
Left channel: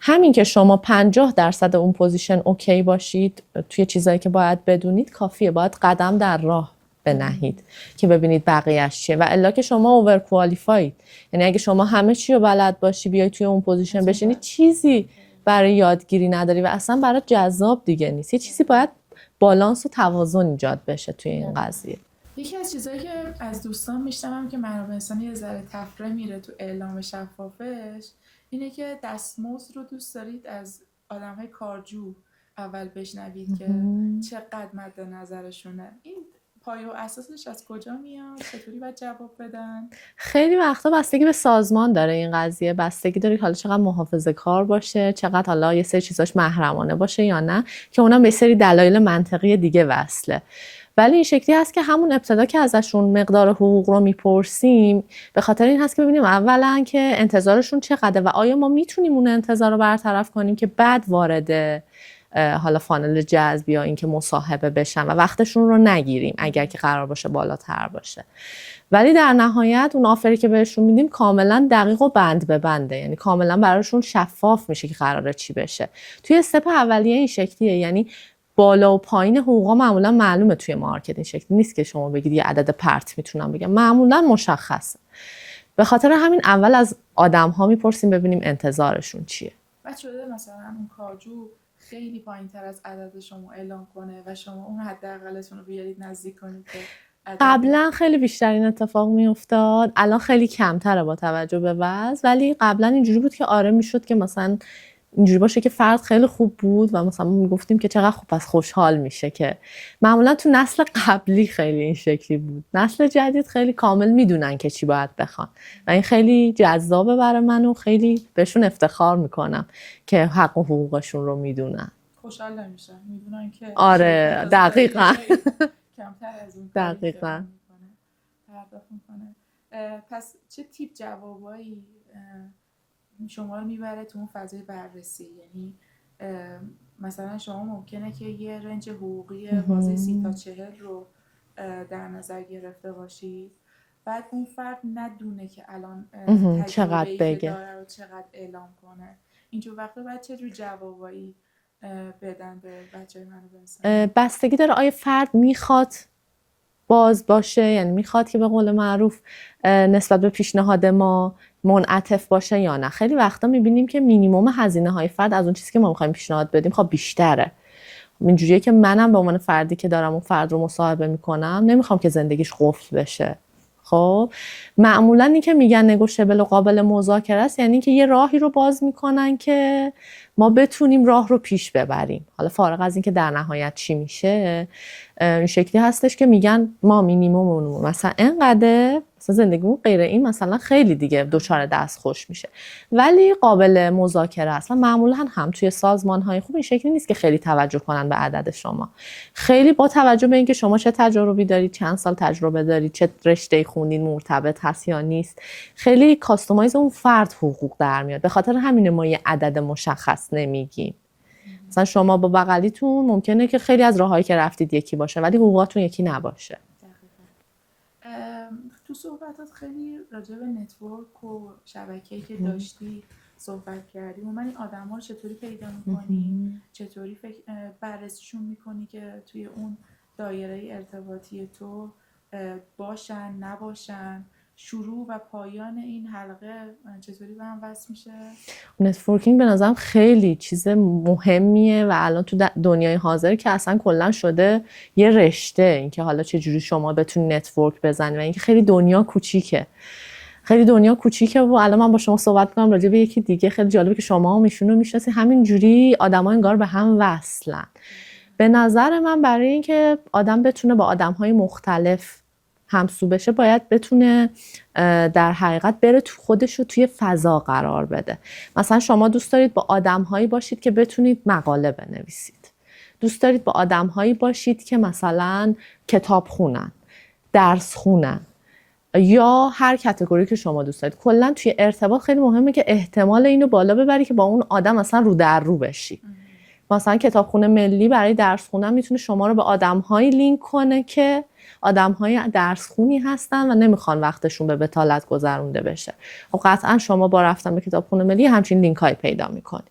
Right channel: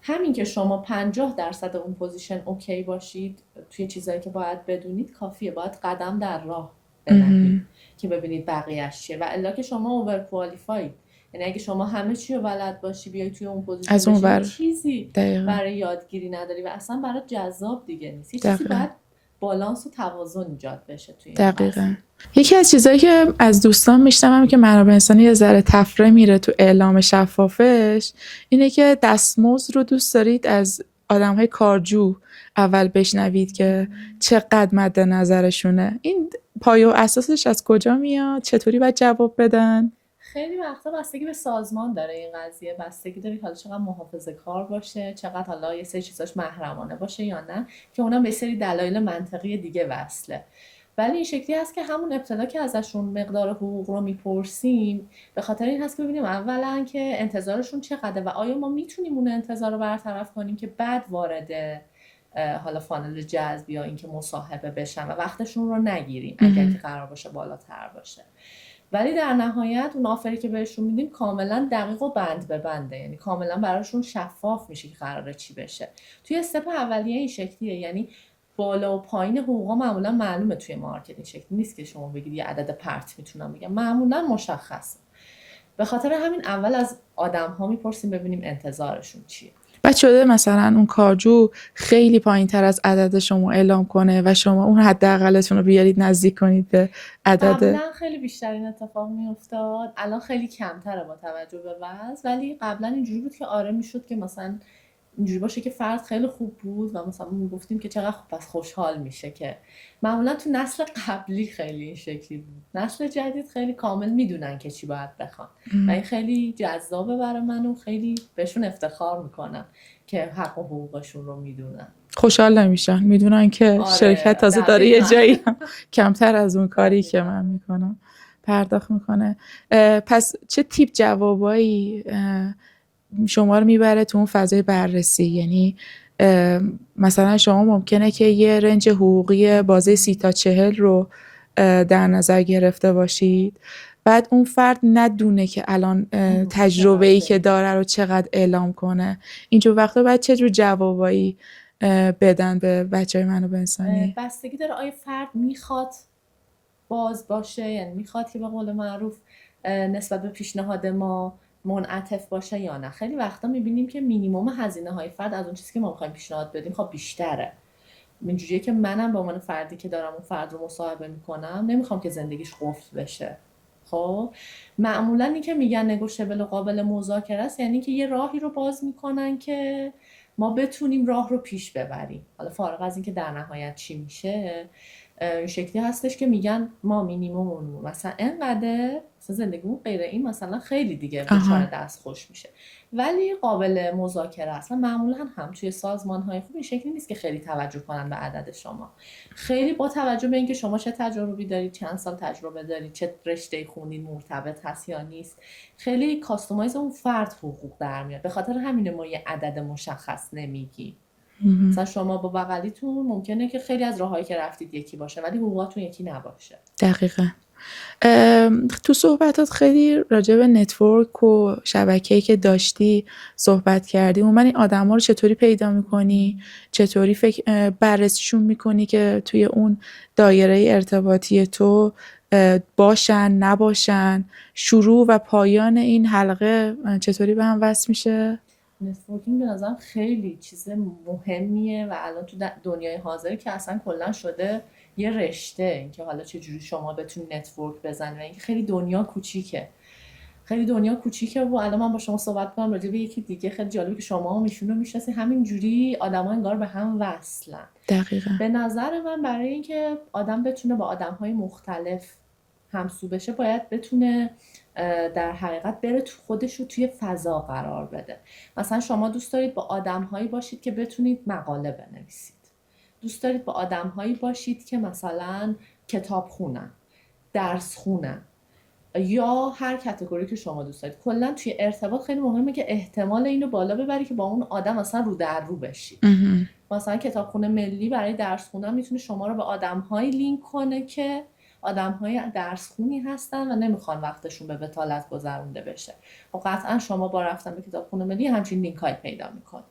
همین که شما 50% اون پوزیشن اوکی باشید توی چیزایی که باید بدونید کافیه. باید قدم در راه بنهید که ببینید بقیه‌اش چیه، و الا که شما اوور کوالیفاید، یعنی اگه شما همه چی رو بلد باشی بیای توی اون پوزیشن بشین چیزی برای یادگیری نداری و اصلا برای جذاب دیگه نیست. یه چیزی باید بالانس و توازن ایجاد بشه توی این قضیه. یکی از چیزایی که از دوستان میشنوم که منابع انسانی یه ذره تفره میره تو اعلام شفافش اینه که دستمزد رو دوست دارید از آدم‌های کارجو اول بشنوید که چقدر مد نظرشونه. این پایه و اساسش از کجا میاد؟ چطوری باید جواب بدن؟ خیلی وقتا بستگی به سازمان داره این قضیه، بستگی داره حالا چقدر محافظه‌کار باشه، چقدر حالا یه سری چیزاش محرمانه باشه یا نه، که اونم به سری دلایل منطقی دیگه وصله. ولی این شکلی هست که همون ابتدا که ازشون مقدار حقوق رو میپرسیم به خاطر این هست که ببینیم اولا که انتظارشون چقدره و آیا ما میتونیم اون انتظار رو برطرف کنیم که بعد وارد حالا فانل جذب یا اینکه مصاحبه بشن و وقتشون رو نگیریم اگر که قرار باشه بالاتر باشه. ولی در نهایت اون آفری که بهشون میدیم کاملا دقیق و بند به بنده، یعنی کاملا براشون شفاف میشه که قراره چی بشه. توی استپ اولیه این شکلیه، یعنی بالا و پایین حقوقا معمولا معلومه توی مارکت. این شکلی نیست که شما بگید یه عدد پرت میتونم بگم، معمولا مشخصه. به خاطر همین اول از آدم‌ها میپرسیم ببینیم انتظارشون چیه. بعد شده مثلا اون کارجو خیلی پایین‌تر از عدد شما اعلام کنه و شما اون حداقلتون رو بیارید نزدیک کنید به عدد. قبلا خیلی بیشتر این اتفاق میافتاد، الان خیلی کمتره با توجه به وضع، ولی قبلا اینجوری بود که آره میشد که مثلا اینجوری باشه که فرد خیلی خوب بود و مثلا میگفتیم که چقدر خوب، پس خوشحال میشه. که معمولا تو نسل قبلی خیلی این شکلی بود، نسل جدید خیلی کامل میدونن که چی باید بخوان و این خیلی جذابه برای من و خیلی بهشون افتخار میکنم که حق و حقوقشون رو میدونن. خوشحال نمیشن، میدونن که شرکت تازه داره یه جایی کمتر از اون کاری که من میکنم پرداخت میکنه. پس چه تیپ جوابایی شما رو میبره تو اون فضای بررسی؟ یعنی مثلا شما ممکنه که یه رنج حقوقی بازه 30 تا 40 رو در نظر گرفته باشید، بعد اون فرد ندونه که الان تجربه‌ای که داره رو چقدر اعلام کنه. اینجور وقتا باید چه جور جوابایی بدن به بچه‌های منابع انسانی؟ بستگی داره آیا فرد میخواد باز باشه، یعنی میخواد که به قول معروف نسبت به پیشنهاد ما منعطف باشه یا نه. خیلی وقتا میبینیم که مینیمم هزینه های فرد از اون چیزی که ما میخوایم پیشنهاد بدیم خب بیشتره. اینجوریه که منم به عنوان فردی که دارم اون فرد رو مصاحبه میکنم نمیخوام که زندگیش قفل بشه. خب معمولا این که میگن نگوشیبل و قابل مذاکره است، یعنی که یه راهی رو باز میکنن که ما بتونیم راه رو پیش ببریم. حالا فارغ از این که در نهایت چی میشه، این شکلی هستش که میگن ما مینیمم مثلا اینقدر مثلا زندگیمون غیر این مثلا خیلی دیگه دچار دستخوش میشه، ولی قابل مذاکره است. و معمولا هم توی سازمان‌های خوب این شکلی نیست که خیلی توجه کنن به عدد شما. خیلی با توجه به اینکه شما چه تجربی دارید، چند سال تجربه دارید، چه رشته‌ای خوندین، مرتبط هست یا نیست، خیلی کاستومایز اون فرد حقوق در میاد. به خاطر همین ما یه عدد مشخص نمیگیم. مثلا شما با بغلیتون ممکنه که خیلی از راههایی که رفتید یکی باشه ولی حقوقاتون یکی نباشه. دقیقاً. تو صحبتات خیلی راجع به نتورک و شبکه‌ای که داشتی صحبت کردی. من این آدم‌ها رو چطوری پیدا می‌کنی؟ چطوری بررسیشون می‌کنی که توی اون دایره ارتباطی تو باشن نباشن؟ شروع و پایان این حلقه چطوری به هم وصل میشه؟ نتورکینگ به نظرم خیلی چیز مهمیه و الان تو دنیای حاضر که اصلا کلا شده یه رشته، اینکه حالا چجوری شما بتونی نتورک بزنی و اینکه خیلی دنیا کوچیکه. خیلی دنیا کوچیکه و الان من با شما صحبت کنم راجع به یکی دیگه خیلی جالبه که شما هم ایشون رو میشناسید، همین جوری آدما انگار به هم وصلن. دقیقاً. به نظر من برای اینکه آدم بتونه با آدم‌های مختلف همسو بشه باید بتونه در حقیقت بره تو خودش رو توی فضا قرار بده. مثلا شما دوست دارید با آدم‌هایی باشید که بتونید مقاله بنویسید، دوست دارید با آدم‌هایی باشید که مثلا کتاب خونن، درس خونن، یا هر کاتگوری که شما دوست دارید. کلا توی ارتباط خیلی مهمه که احتمال اینو بالا ببری که با اون آدم مثلا رو در رو بشی. مثلا کتابخونه ملی برای درس خوندن میتونه شما رو به آدم‌هایی لینک کنه که آدم‌های درس خونی هستن و نمیخوان وقتشون به بطالت گذرونده بشه. خب قطعا شما با رفتن به کتابخونه ملی همچین لینک‌های پیدا میکنید.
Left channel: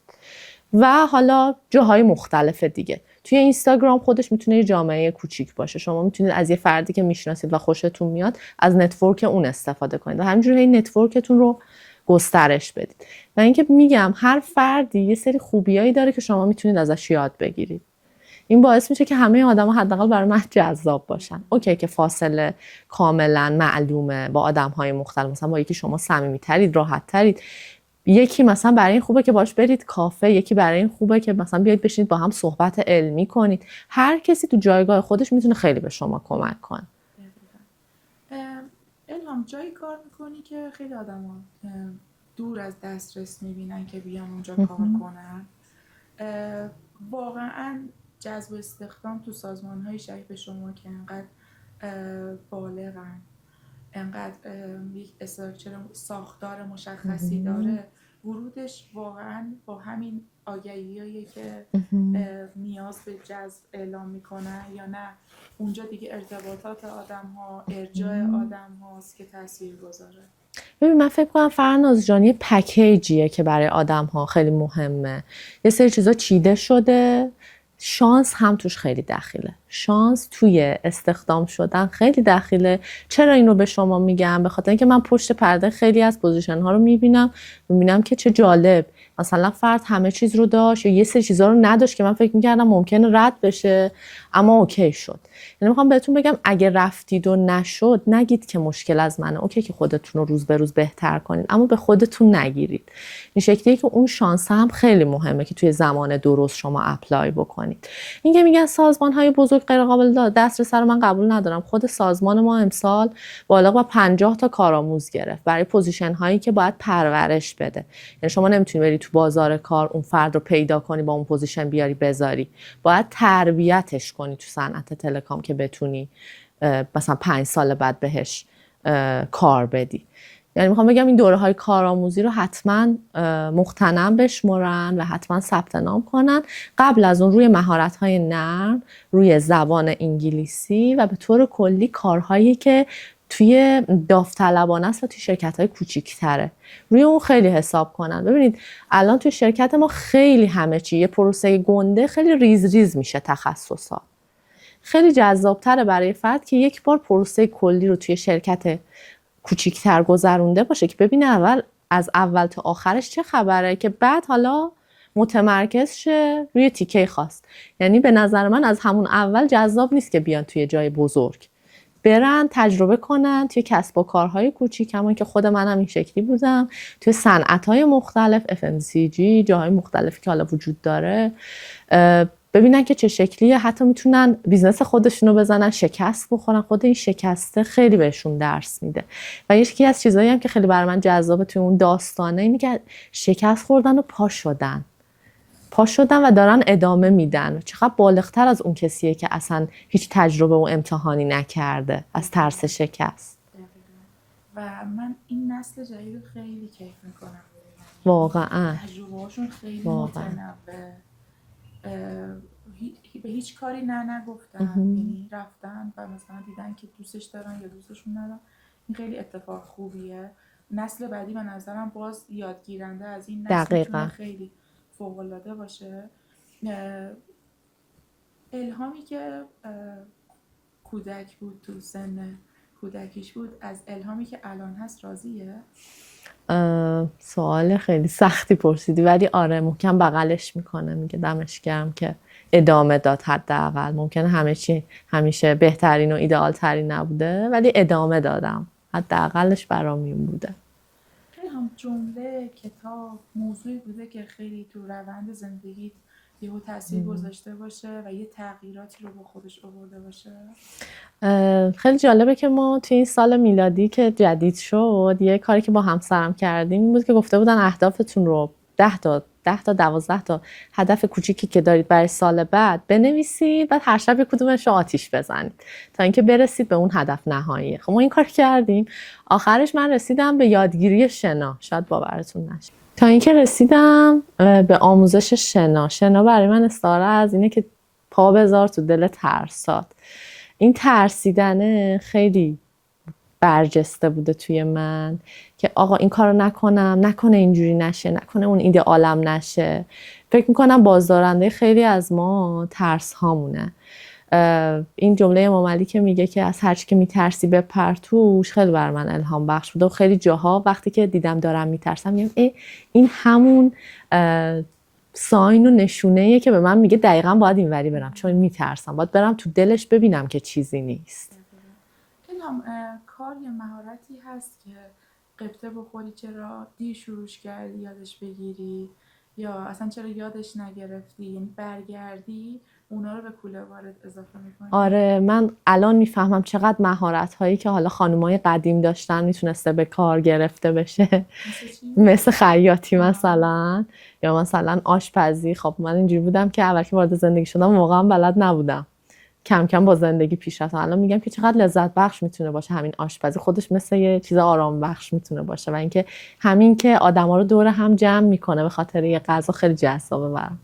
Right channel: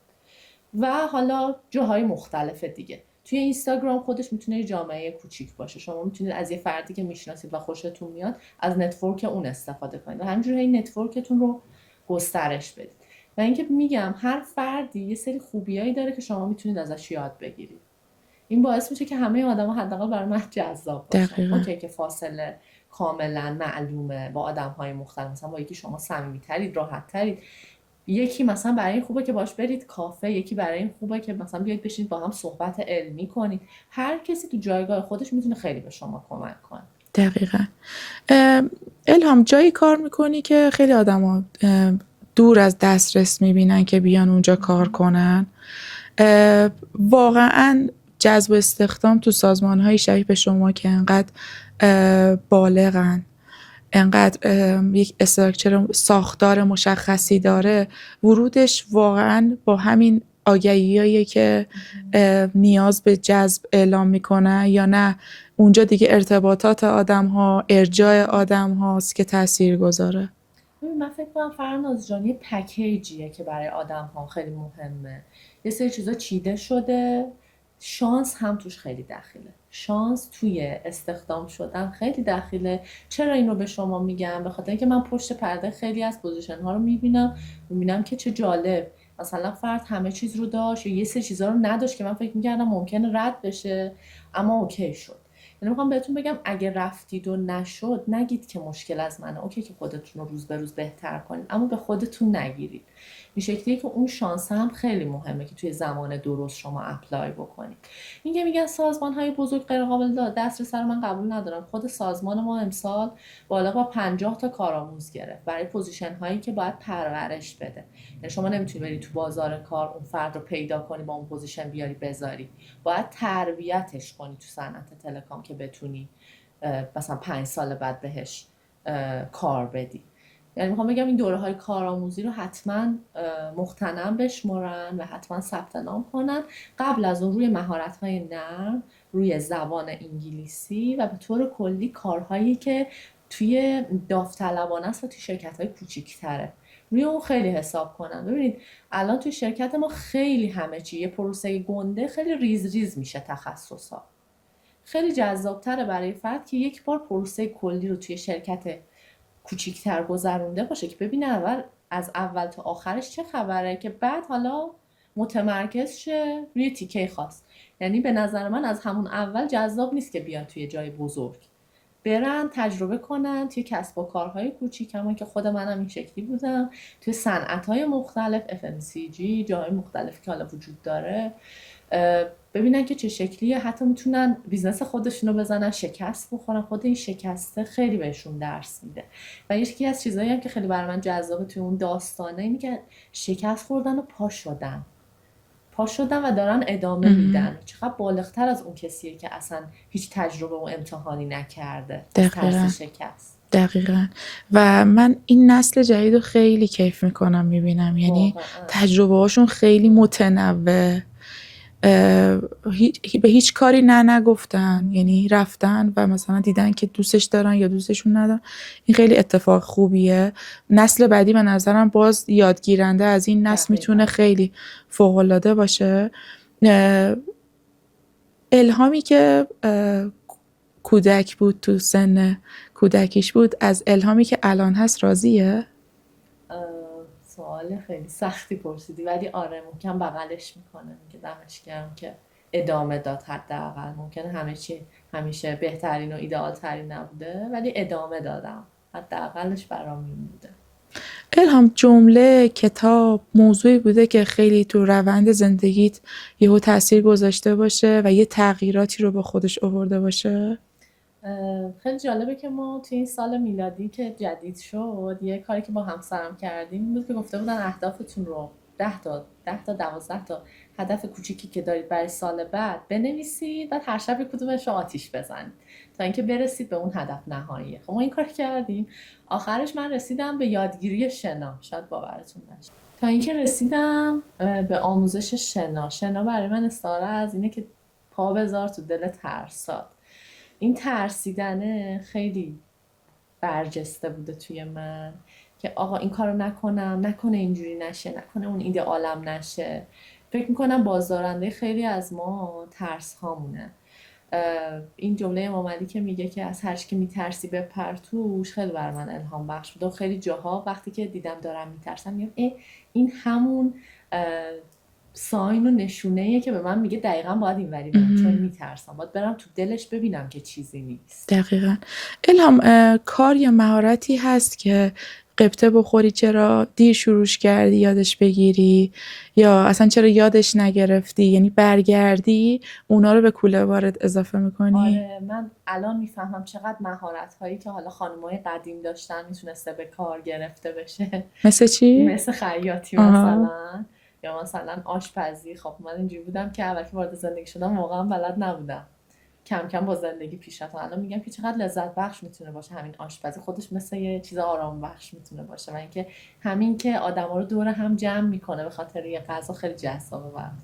و حالا جاهای مختلف دیگه. توی اینستاگرام خودش میتونه یه جامعه کوچیک باشه. شما میتونید از یه فردی که میشناسید و خوشتون میاد از نتورک اون استفاده کنید و همینجوری این نتورکتون رو گسترش بدید. و اینکه میگم هر فردی یه سری خوبیایی داره که شما میتونید ازش یاد بگیرید. این باعث میشه که همه آدما حداقل برای من جذاب باشن. اوکی که فاصله کاملا معلومه با آدم‌های مختلف، مثلا با یکی شما صمیمی‌ترید، راحت‌ترید، یکی مثلا برای این خوبه که باش برید کافه، یکی برای این خوبه که مثلا بیاید بشینید با هم صحبت علمی کنید. هر کسی تو جایگاه خودش میتونه خیلی به شما کمک کنه. دقیقاً. الهام، جایی کار میکنی که خیلی آدما دور از دسترس میبینن که بیان اونجا کار کنن. واقعاً جذب استخدام تو سازمان‌های شبیه به شما که انقدر بالغن، انقدر یک استراکچر ساختار مشخصی داره، ورودش واقعاً با همین آگهی‌هایی که نیاز به جذب اعلام میکنه یا نه اونجا دیگه ارتباطات آدم‌ها، ارجاع آدم‌هاست که تأثیر گذاره؟ ببین من فکر کنم فرناز جان یه پکیجیه که برای آدم‌ها خیلی مهمه. یه سری چیزا چیده شده، شانس هم توش خیلی دخیله. شانس توی استخدام شدن خیلی دخیله. چرا اینو به شما میگم؟ به خاطر اینکه من پشت پرده خیلی از پوزیشن ها رو میبینم که چه جالب، مثلا فرد همه چیز رو داشت یا یه سری چیزا رو نداشت که من فکر میکردم ممکنه رد بشه اما اوکی شد. یعنی میخوام بهتون بگم اگه رفتید و نشد نگید که مشکل از منه، اوکی که خودتون رو روز به روز بهتر کنید اما به خودتون نگیرید. این شکلیه که اون شانس هم خیلی مهمه که توی زمان درست شما اپلای بکنید. این که میگن سازمان های بزرگ غیر قابل دسترس رو من قبول ندارم. خود سازمان ما امسال بالا با 50 تا کارآموز گرفت برای پوزیشن هایی که باید پرورش بده. یعنی شما نمیتونی بری تو بازار کار اون فرد رو پیدا کنی با اون پوزیشن بیاری بذاری، باید تربیتش کنی تو صنعت تلکام که بتونی مثلا 5 سال بعد بهش کار بدی. یعنی میخوام بگم این دوره های کارآموزی رو حتما مغتنم بشمرن و حتما ثبت نام کنن. قبل از اون روی مهارت های نرم، روی زبان انگلیسی و به طور کلی کارهایی که توی داوطلبانه است و توی شرکت های کوچیک‌تره روی اون خیلی حساب کنن. ببینید الان توی شرکت ما خیلی همه چی یه پروسه گنده، خیلی ریز ریز میشه تخصصا. خیلی جذابتره برای فرد که یک بار پروسه کلی رو توی شرکت کوچیک‌تر گذرونده باشه که ببینه از اول تا آخرش چه خبره، که بعد حالا متمرکز شه روی تیکه خاص. یعنی به نظر من از همون اول جذاب نیست که بیان توی جای بزرگ، برن تجربه کنن توی کسب و کارهای کوچیک، همون که خود من هم این شکلی بودم، توی صنعت‌های مختلف FMCG، جاهای مختلفی که حالا وجود داره، ببینن که چه شکلیه، حتی میتونن بیزنس خودشونو بزنن، شکست بخورن. خود این شکسته خیلی بهشون درس میده. و یکی از چیزایی هم که خیلی برای من جذابه توی اون داستانه اینه که شکست خوردن و پا شدن و دارن ادامه میدن. چقدر بالغتر از اون کسیه که اصلا هیچ تجربه و امتحانی نکرده از ترس شکست. دقیقاً. و من این نسل جدید رو خیلی کیف میکنم میبینم، یعنی واقعا تجربه هاشون خیلی متنوع، به هیچ کاری نگفتن، یعنی رفتن و مثلا دیدن که دوستش دارن یا دوستشون ندارن. این خیلی اتفاق خوبیه. نسل بعدی به نظرم باز یادگیرنده از این نسل میتونه خیلی فوق‌العاده باشه. الهامی که کودک بود، تو سن کودکیش بود، از الهامی که الان هست راضیه؟ سوال خیلی سختی پرسیدی، ولی آره محکم بغلش میکنه، میگه دمش گرم که ادامه داد. حداقل ممکنه همه چی همیشه بهترین و ایدئال ترین نبوده، ولی ادامه دادم، حداقلش برام این بوده. الهام، جمله، کتاب، موضوعی بوده که خیلی تو روند زندگیت یهو تاثیر گذاشته باشه و یه تغییراتی رو با خودش آورده باشه؟ خیلی جالبه که ما توی این سال میلادی که جدید شد، یه کاری که با همسرم کردیم این بود که گفته بودن اهدافتون رو 10 تا 12 تا هدف کوچیکی که دارید برای سال بعد بنویسید، بعد هر شب کدومش رو آتیش بزنید تا اینکه برسید به اون هدف نهایی. خب ما این کار کردیم. آخرش من رسیدم به یادگیری شنا، شاید باورتون نشه، تا اینکه رسیدم به آموزش شنا. شنا برای من استعاره از اینه که پا بذار تو دل ترسات. این ترسیدنه خیلی برجسته بوده توی من که آقا این کارو نکنم، نکنه اینجوری نشه، نکنه اون ایدئالم نشه. فکر میکنم بازدارنده خیلی از ما ترس هامونه. این جمله امام علی که میگه که از هر چی که میترسی بپر توش، خیلی بر من الهام بخش بوده. و خیلی جاها وقتی که دیدم دارم میترسم میگم این همون ساین و نشونه‌ایه که به من میگه دقیقاً باید اینوری برم، چون میترسم. باید برم تو دلش ببینم که چیزی نیست. دقیقاً. الهام، کار یا مهارتی هست که قبطه بخوری چرا دیر شروعش کردی یادش بگیری، یا اصلا چرا یادش نگرفتی، یعنی برگردی اونا رو به کوله بارت اضافه میکنی؟ آره، من الان میفهمم چقدر مهارت هایی که حالا خانمای قدیم داشتن میتونسته به کار گرفته بشه. مثل چی؟ مثل خیاطی مثلا، یا مثلا آشپزی. خب من اینجوری بودم که اول که وارد زندگی شدم واقعا بلد نبودم، کم کم با زندگی پیش رفتم. الان میگم که چقدر لذت بخش میتونه باشه همین آشپزی، خودش مثل یه چیز آرام بخش میتونه باشه. و اینکه همین که آدما رو دور هم جمع میکنه به خاطر یه غذا خیلی جذابه برام.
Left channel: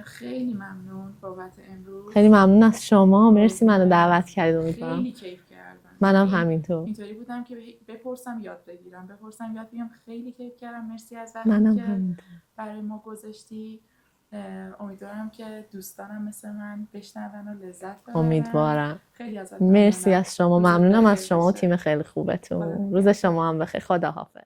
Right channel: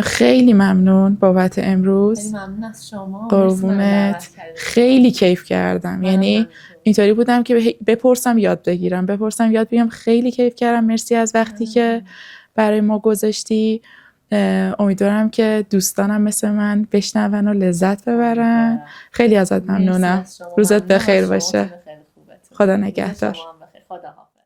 خیلی ممنون بابت امروز. خیلی ممنون از شما، مرسی منو دعوت کردید. خیلی کیف کردم، یعنی اینطوری بودم که بپرسم یاد بگیرم. خیلی کیف کردم. مرسی از وقتی که برای ما گذاشتی. امیدوارم که دوستانم مثل من بشنون و لذت ببرن. خیلی ازت ممنونم. مرسی از شما. روزت بخیر باشه. تیم خیلی خوبتون. خدا نگهدار. روز شما هم بخیر. خدا حافظ.